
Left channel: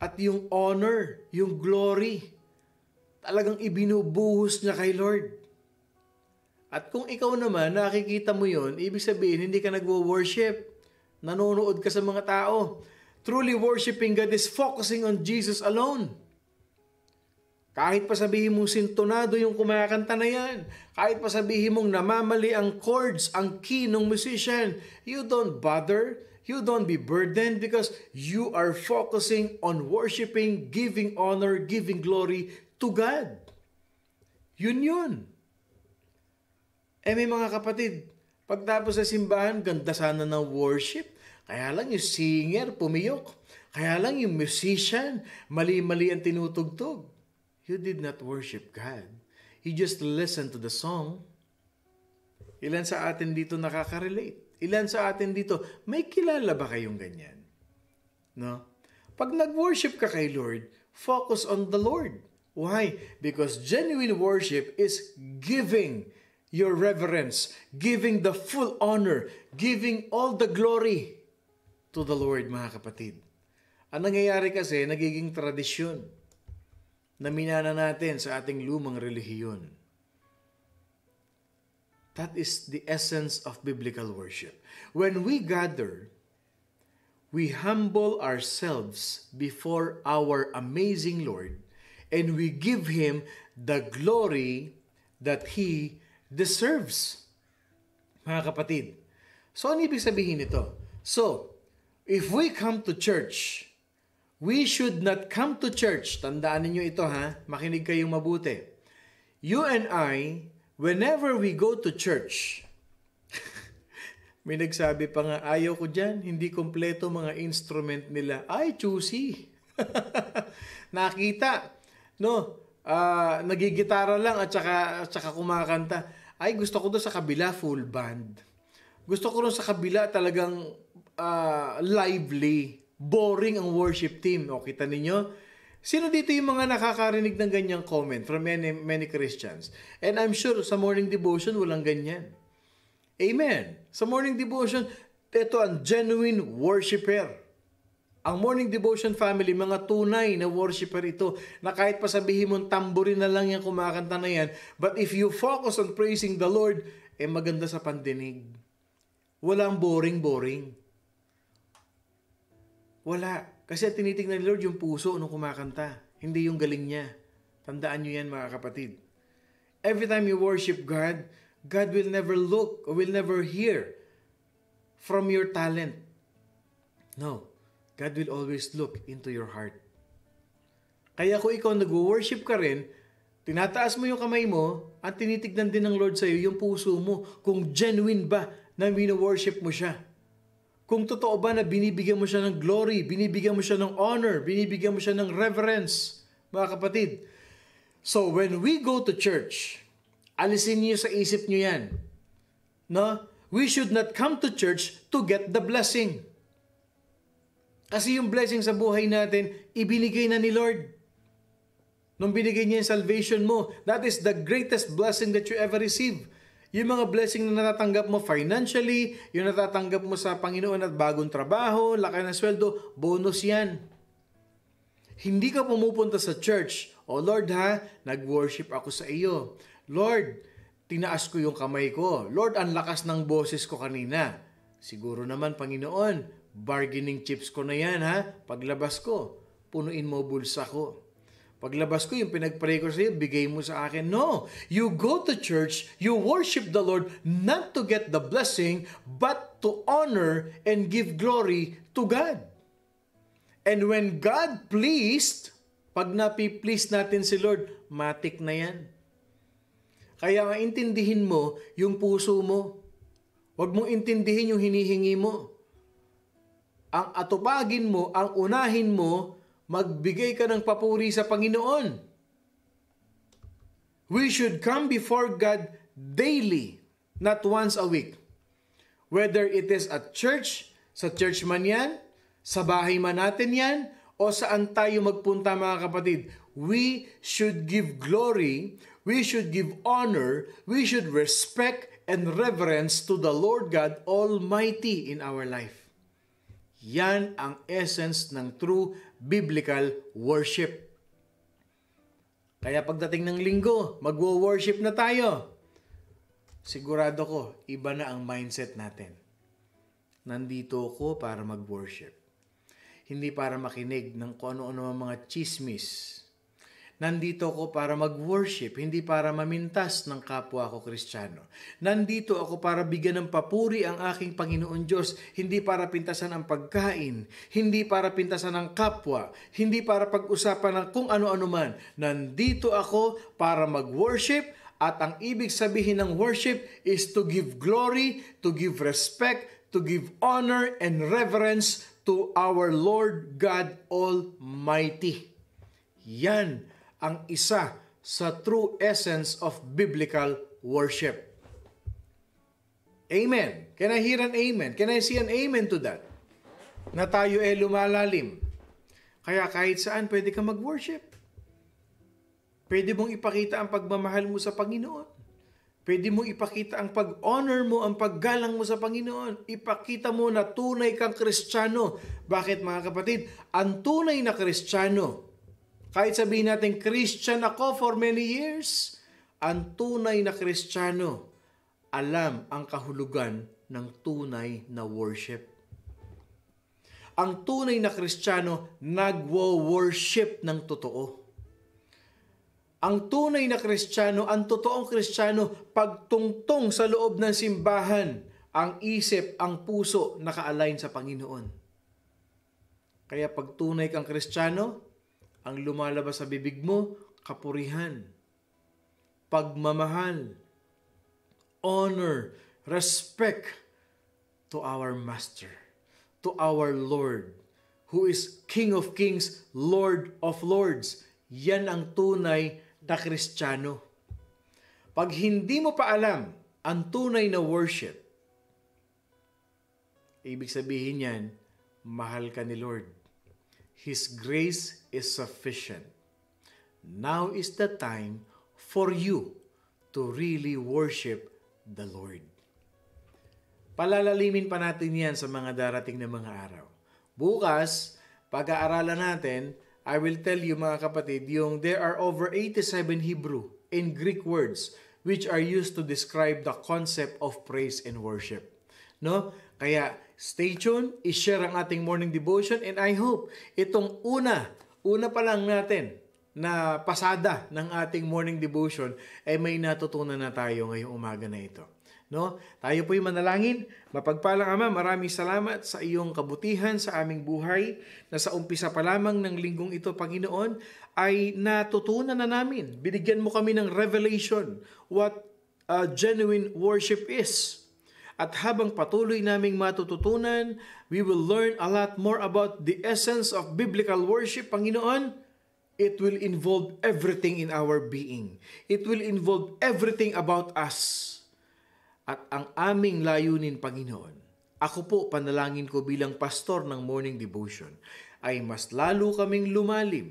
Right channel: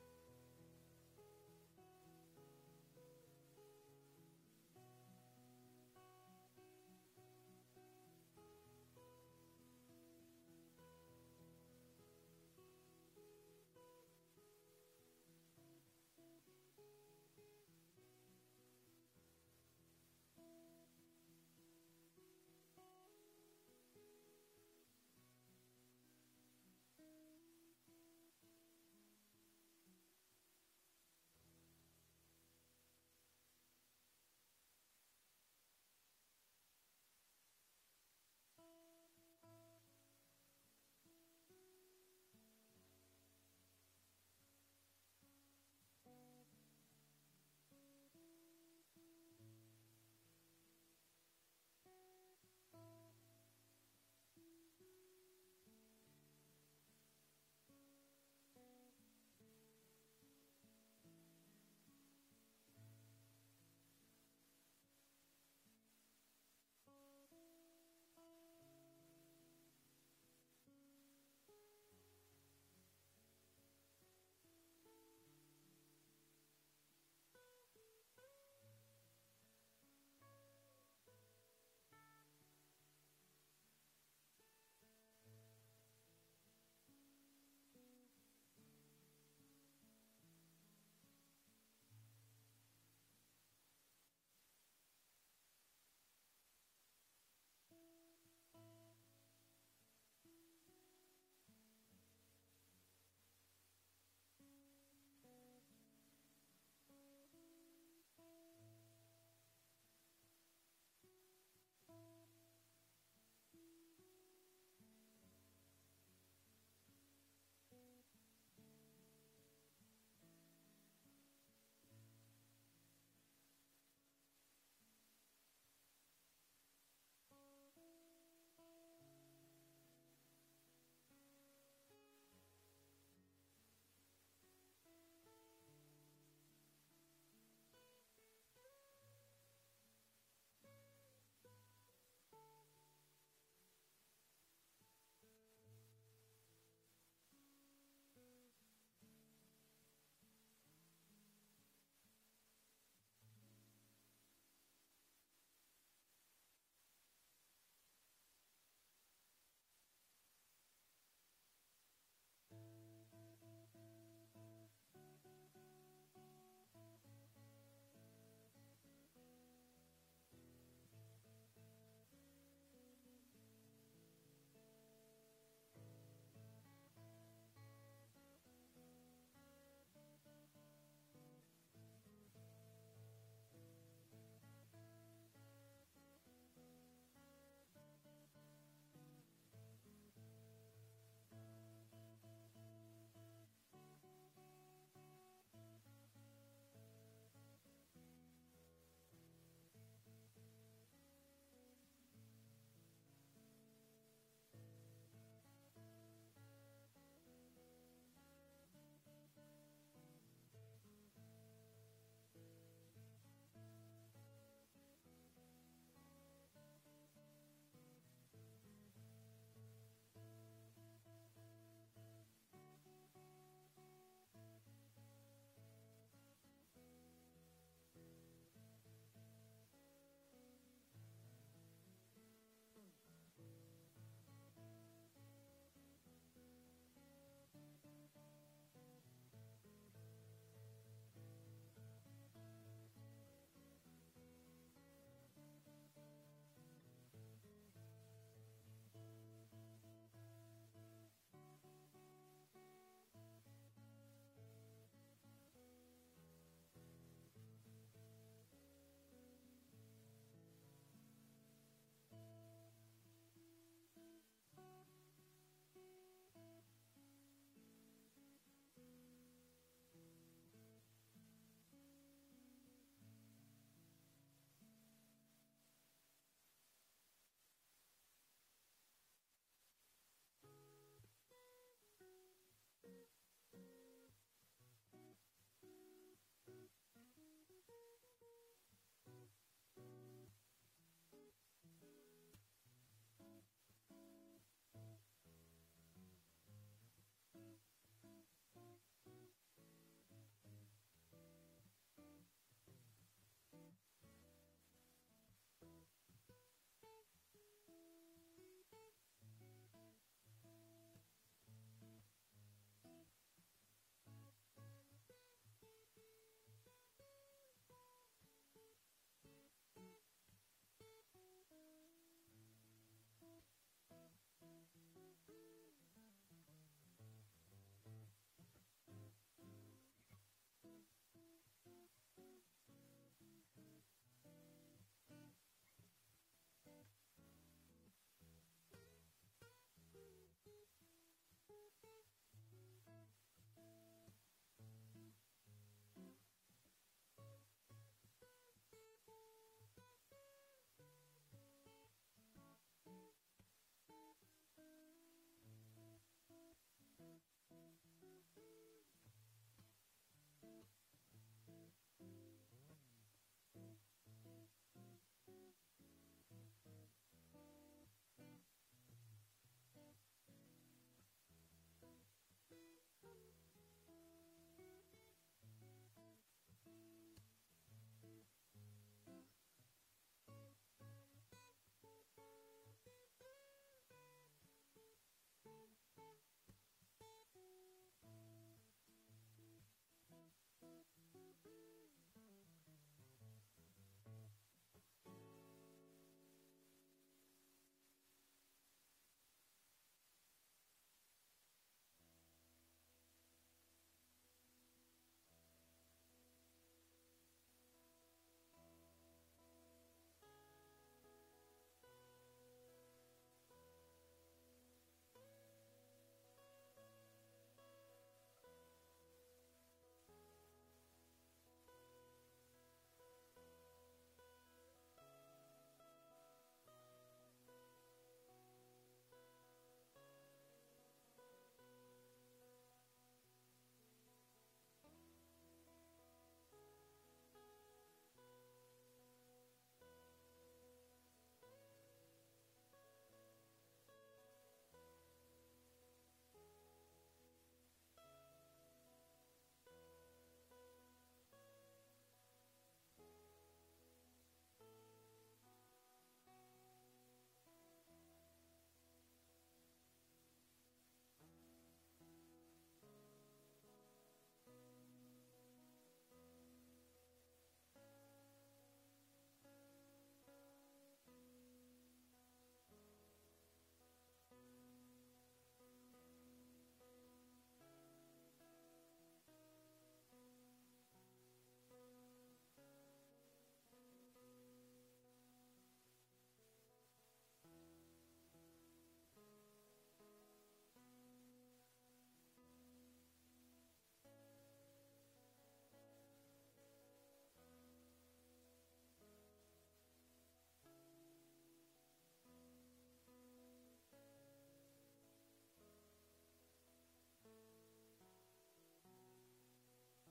At yung honor, yung glory, talagang ibinubuhos niya kay Lord. At kung ikaw naman, nakikita mo yon, ibig sabihin, hindi ka nagwo-worship. Nanonood ka sa mga tao. Truly worshiping God is focusing on Jesus alone. Kahit pa sabihin mong sintonado yung kumakanta na yan, kahit pa sabihin mong namamali ang chords, ang key ng musician, you don't bother. You don't be burdened because you are focusing on worshiping, giving honor, giving glory to God. Yun. May mga kapatid, pagtapos sa simbahan, ganda sana ng worship. Kaya lang yung singer pumiyok. Kaya lang yung musician, mali-mali ang tinutugtog. You did not worship God. You just listened to the song. Ilan sa atin dito nakaka-relate? Ilan sa atin dito, may kilala ba kayong ganyan? No? Pag nag-worship ka kay Lord, focus on the Lord. Why? Because genuine worship is giving your reverence, giving the full honor, giving all the glory to the Lord, mga kapatid. Ang nangyayari kasi, nagiging tradisyon na minana natin sa ating lumang relihiyon. That is the essence of biblical worship. When we gather, we humble ourselves before our amazing Lord and we give Him the glory that He deserves. Mga kapatid, so ano ibig sabihin nito? So, if we come to church, we should not come to church. Tandaan niyo ito ha, makinig kayong mabuti. You and I, whenever we go to church, may nagsabi pa nga, ayaw ko dyan, hindi kompleto mga instrument nila. Ay, choosy. Nakita, no? Nagigitara lang at saka kumakanta. Ay, gusto ko doon sa kabila, full band. Gusto ko doon sa kabila talagang lively, boring ang worship team. O, kita ninyo? Sino dito yung mga nakakarinig ng ganyang comment from many Christians? And I'm sure sa morning devotion, walang ganyan. Amen. Sa morning devotion, ito ang genuine worshiper. Ang morning devotion family, mga tunay na worshiper ito, na kahit pa sabihin mong tamborin na lang yan, kumakanta na yan, but if you focus on praising the Lord, maganda sa pandinig. Walang boring. Wala. Kasi tinitingnan ni Lord yung puso nung kumakanta, hindi yung galing niya. Tandaan nyo yan, mga kapatid. Every time you worship God, God will never look or will never hear from your talent. No. God will always look into your heart. Kaya kung ikaw nag-worship ka rin, tinataas mo yung kamay mo at tinitignan din ng Lord sa iyo yung puso mo kung genuine ba na wino-worship mo siya. Kung totoo ba na binibigyan mo siya ng glory, binibigyan mo siya ng honor, binibigyan mo siya ng reverence, mga kapatid. So when we go to church, alisin niyo sa isip niyo yan. No? We should not come to church to get the blessing. Kasi yung blessing sa buhay natin, ibinigay na ni Lord. Nung binigay niya yung salvation mo, that is the greatest blessing that you ever receive. Yung mga blessing na natatanggap mo financially, yung natatanggap mo sa Panginoon at bagong trabaho, laki ng sweldo, bonus yan. Hindi ka pumupunta sa church, "Oh Lord ha, nag-worship ako sa iyo. Lord, tinaas ko yung kamay ko. Lord, ang lakas ng boses ko kanina. Siguro naman, Panginoon, bargaining chips ko na yan ha. Paglabas ko, punuin mo bulsa ko. Paglabas ko, yung pinag-pray ko sa iyo, bigay mo sa akin." No! You go to church, you worship the Lord not to get the blessing, but to honor and give glory to God. And when God pleased, pag napi-please natin si Lord, matik na yan. Kaya nga intindihin mo yung puso mo. Huwag mong intindihin yung hinihingi mo. Ang atupagin mo, ang unahin mo, magbigay ka ng papuri sa Panginoon. We should come before God daily, not once a week. Whether it is at church, sa church man yan, sa bahay man natin yan, o saan tayo magpunta, mga kapatid, we should give glory, we should give honor, we should respect and reverence to the Lord God Almighty in our life. Yan ang essence ng true biblical worship. Kaya pagdating ng linggo, magwo-worship na tayo. Sigurado ko, iba na ang mindset natin. Nandito ako para mag-worship. Hindi para makinig ng kung ano-ano mga chismis. Nandito ako para mag-worship, hindi para mamintas ng kapwa ko Kristiyano. Nandito ako para bigyan ng papuri ang aking Panginoon Diyos, hindi para pintasan ang pagkain, hindi para pintasan ang kapwa, hindi para pag-usapan ng kung ano-ano man. Nandito ako para mag-worship, at ang ibig sabihin ng worship is to give glory, to give respect, to give honor and reverence to our Lord God Almighty. Yan ang isa sa true essence of biblical worship. Amen. Can I hear an amen? Can I see an amen to that? Na tayo lumalalim. Kaya kahit saan pwede ka mag-worship. Pwede mong ipakita ang pagmamahal mo sa Panginoon. Pwede mong ipakita ang pag-honor mo, ang paggalang mo sa Panginoon. Ipakita mo na tunay kang Kristiyano. Bakit, mga kapatid? Ang tunay na Kristiyano, kahit sabihin natin, Christian ako for many years, ang tunay na Kristiyano, alam ang kahulugan ng tunay na worship. Ang tunay na Kristiyano, nagwo-worship ng totoo. Ang tunay na Kristiyano, ang totoong Kristiyano, pagtungtong sa loob ng simbahan, ang isip, ang puso, naka-align sa Panginoon. Kaya pag tunay kang Kristiyano, ang lumalabas sa bibig mo, kapurihan, pagmamahal, honor, respect to our Master, to our Lord, who is King of Kings, Lord of Lords. Yan ang tunay na Kristiyano. Pag hindi mo pa alam ang tunay na worship, ibig sabihin yan, mahal ka ni Lord. His grace is sufficient. Now is the time for you to really worship the Lord. Palalalimin pa natin yan sa mga darating na mga araw. Bukas, pag-aaralan natin, I will tell you mga kapatid, there are over 87 Hebrew and Greek words which are used to describe the concept of praise and worship. No? Kaya stay tuned, i-share ang ating morning devotion, and I hope itong una pa lang natin na pasada ng ating morning devotion ay may natutunan na tayo ngayong umaga na ito. No? Tayo po'y manalangin. Mapagpalang Ama, maraming salamat sa iyong kabutihan sa aming buhay na sa umpisa pa lamang ng linggong ito, Panginoon, ay natutunan na namin. Binigyan mo kami ng revelation what genuine worship is. At habang patuloy naming matututunan, we will learn a lot more about the essence of biblical worship, Panginoon. It will involve everything in our being. It will involve everything about us. At ang aming layunin, Panginoon, ako po, panalangin ko bilang pastor ng morning devotion, ay mas lalo kaming lumalim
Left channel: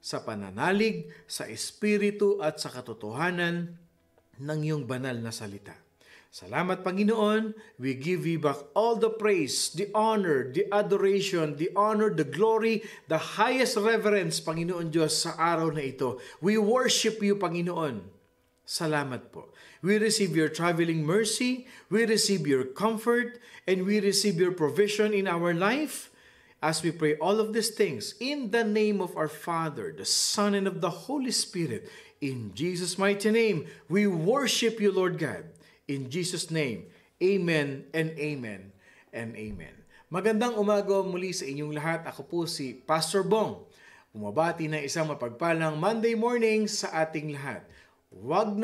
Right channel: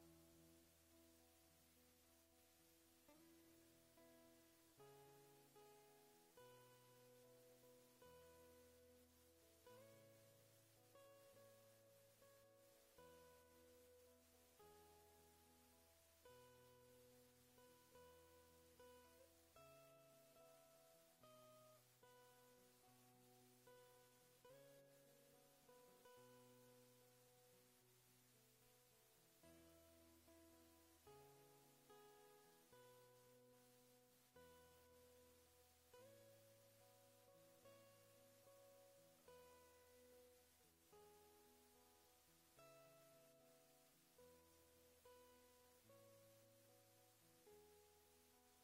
sa pananalig, sa espiritu at sa katotohanan ng iyong banal na salita. Salamat, Panginoon. We give you back all the praise, the honor, the adoration, the honor, the glory, the highest reverence, Panginoon Diyos, sa araw na ito. We worship you, Panginoon. Salamat po. We receive your traveling mercy, we receive your comfort, and we receive your provision in our life as we pray all of these things in the name of our Father, the Son, and of the Holy Spirit. In Jesus' mighty name, we worship you, Lord God. In Jesus' name, amen and amen and amen. Magandang umaga muli sa inyong lahat. Ako po si Pastor Bong. Umabati na isang mapagpalang Monday morning sa ating lahat. Wag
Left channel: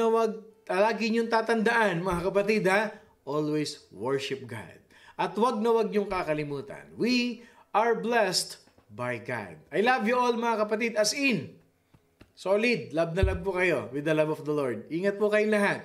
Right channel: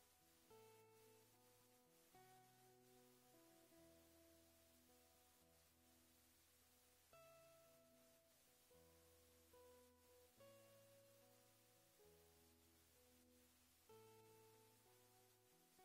lagi niyong tatandaan, mga kapatid, ha? Always worship God. At wag niyong kakalimutan. We are blessed by God. I love you all, mga kapatid, as in, solid, love na love po kayo with the love of the Lord. Ingat po kayong lahat.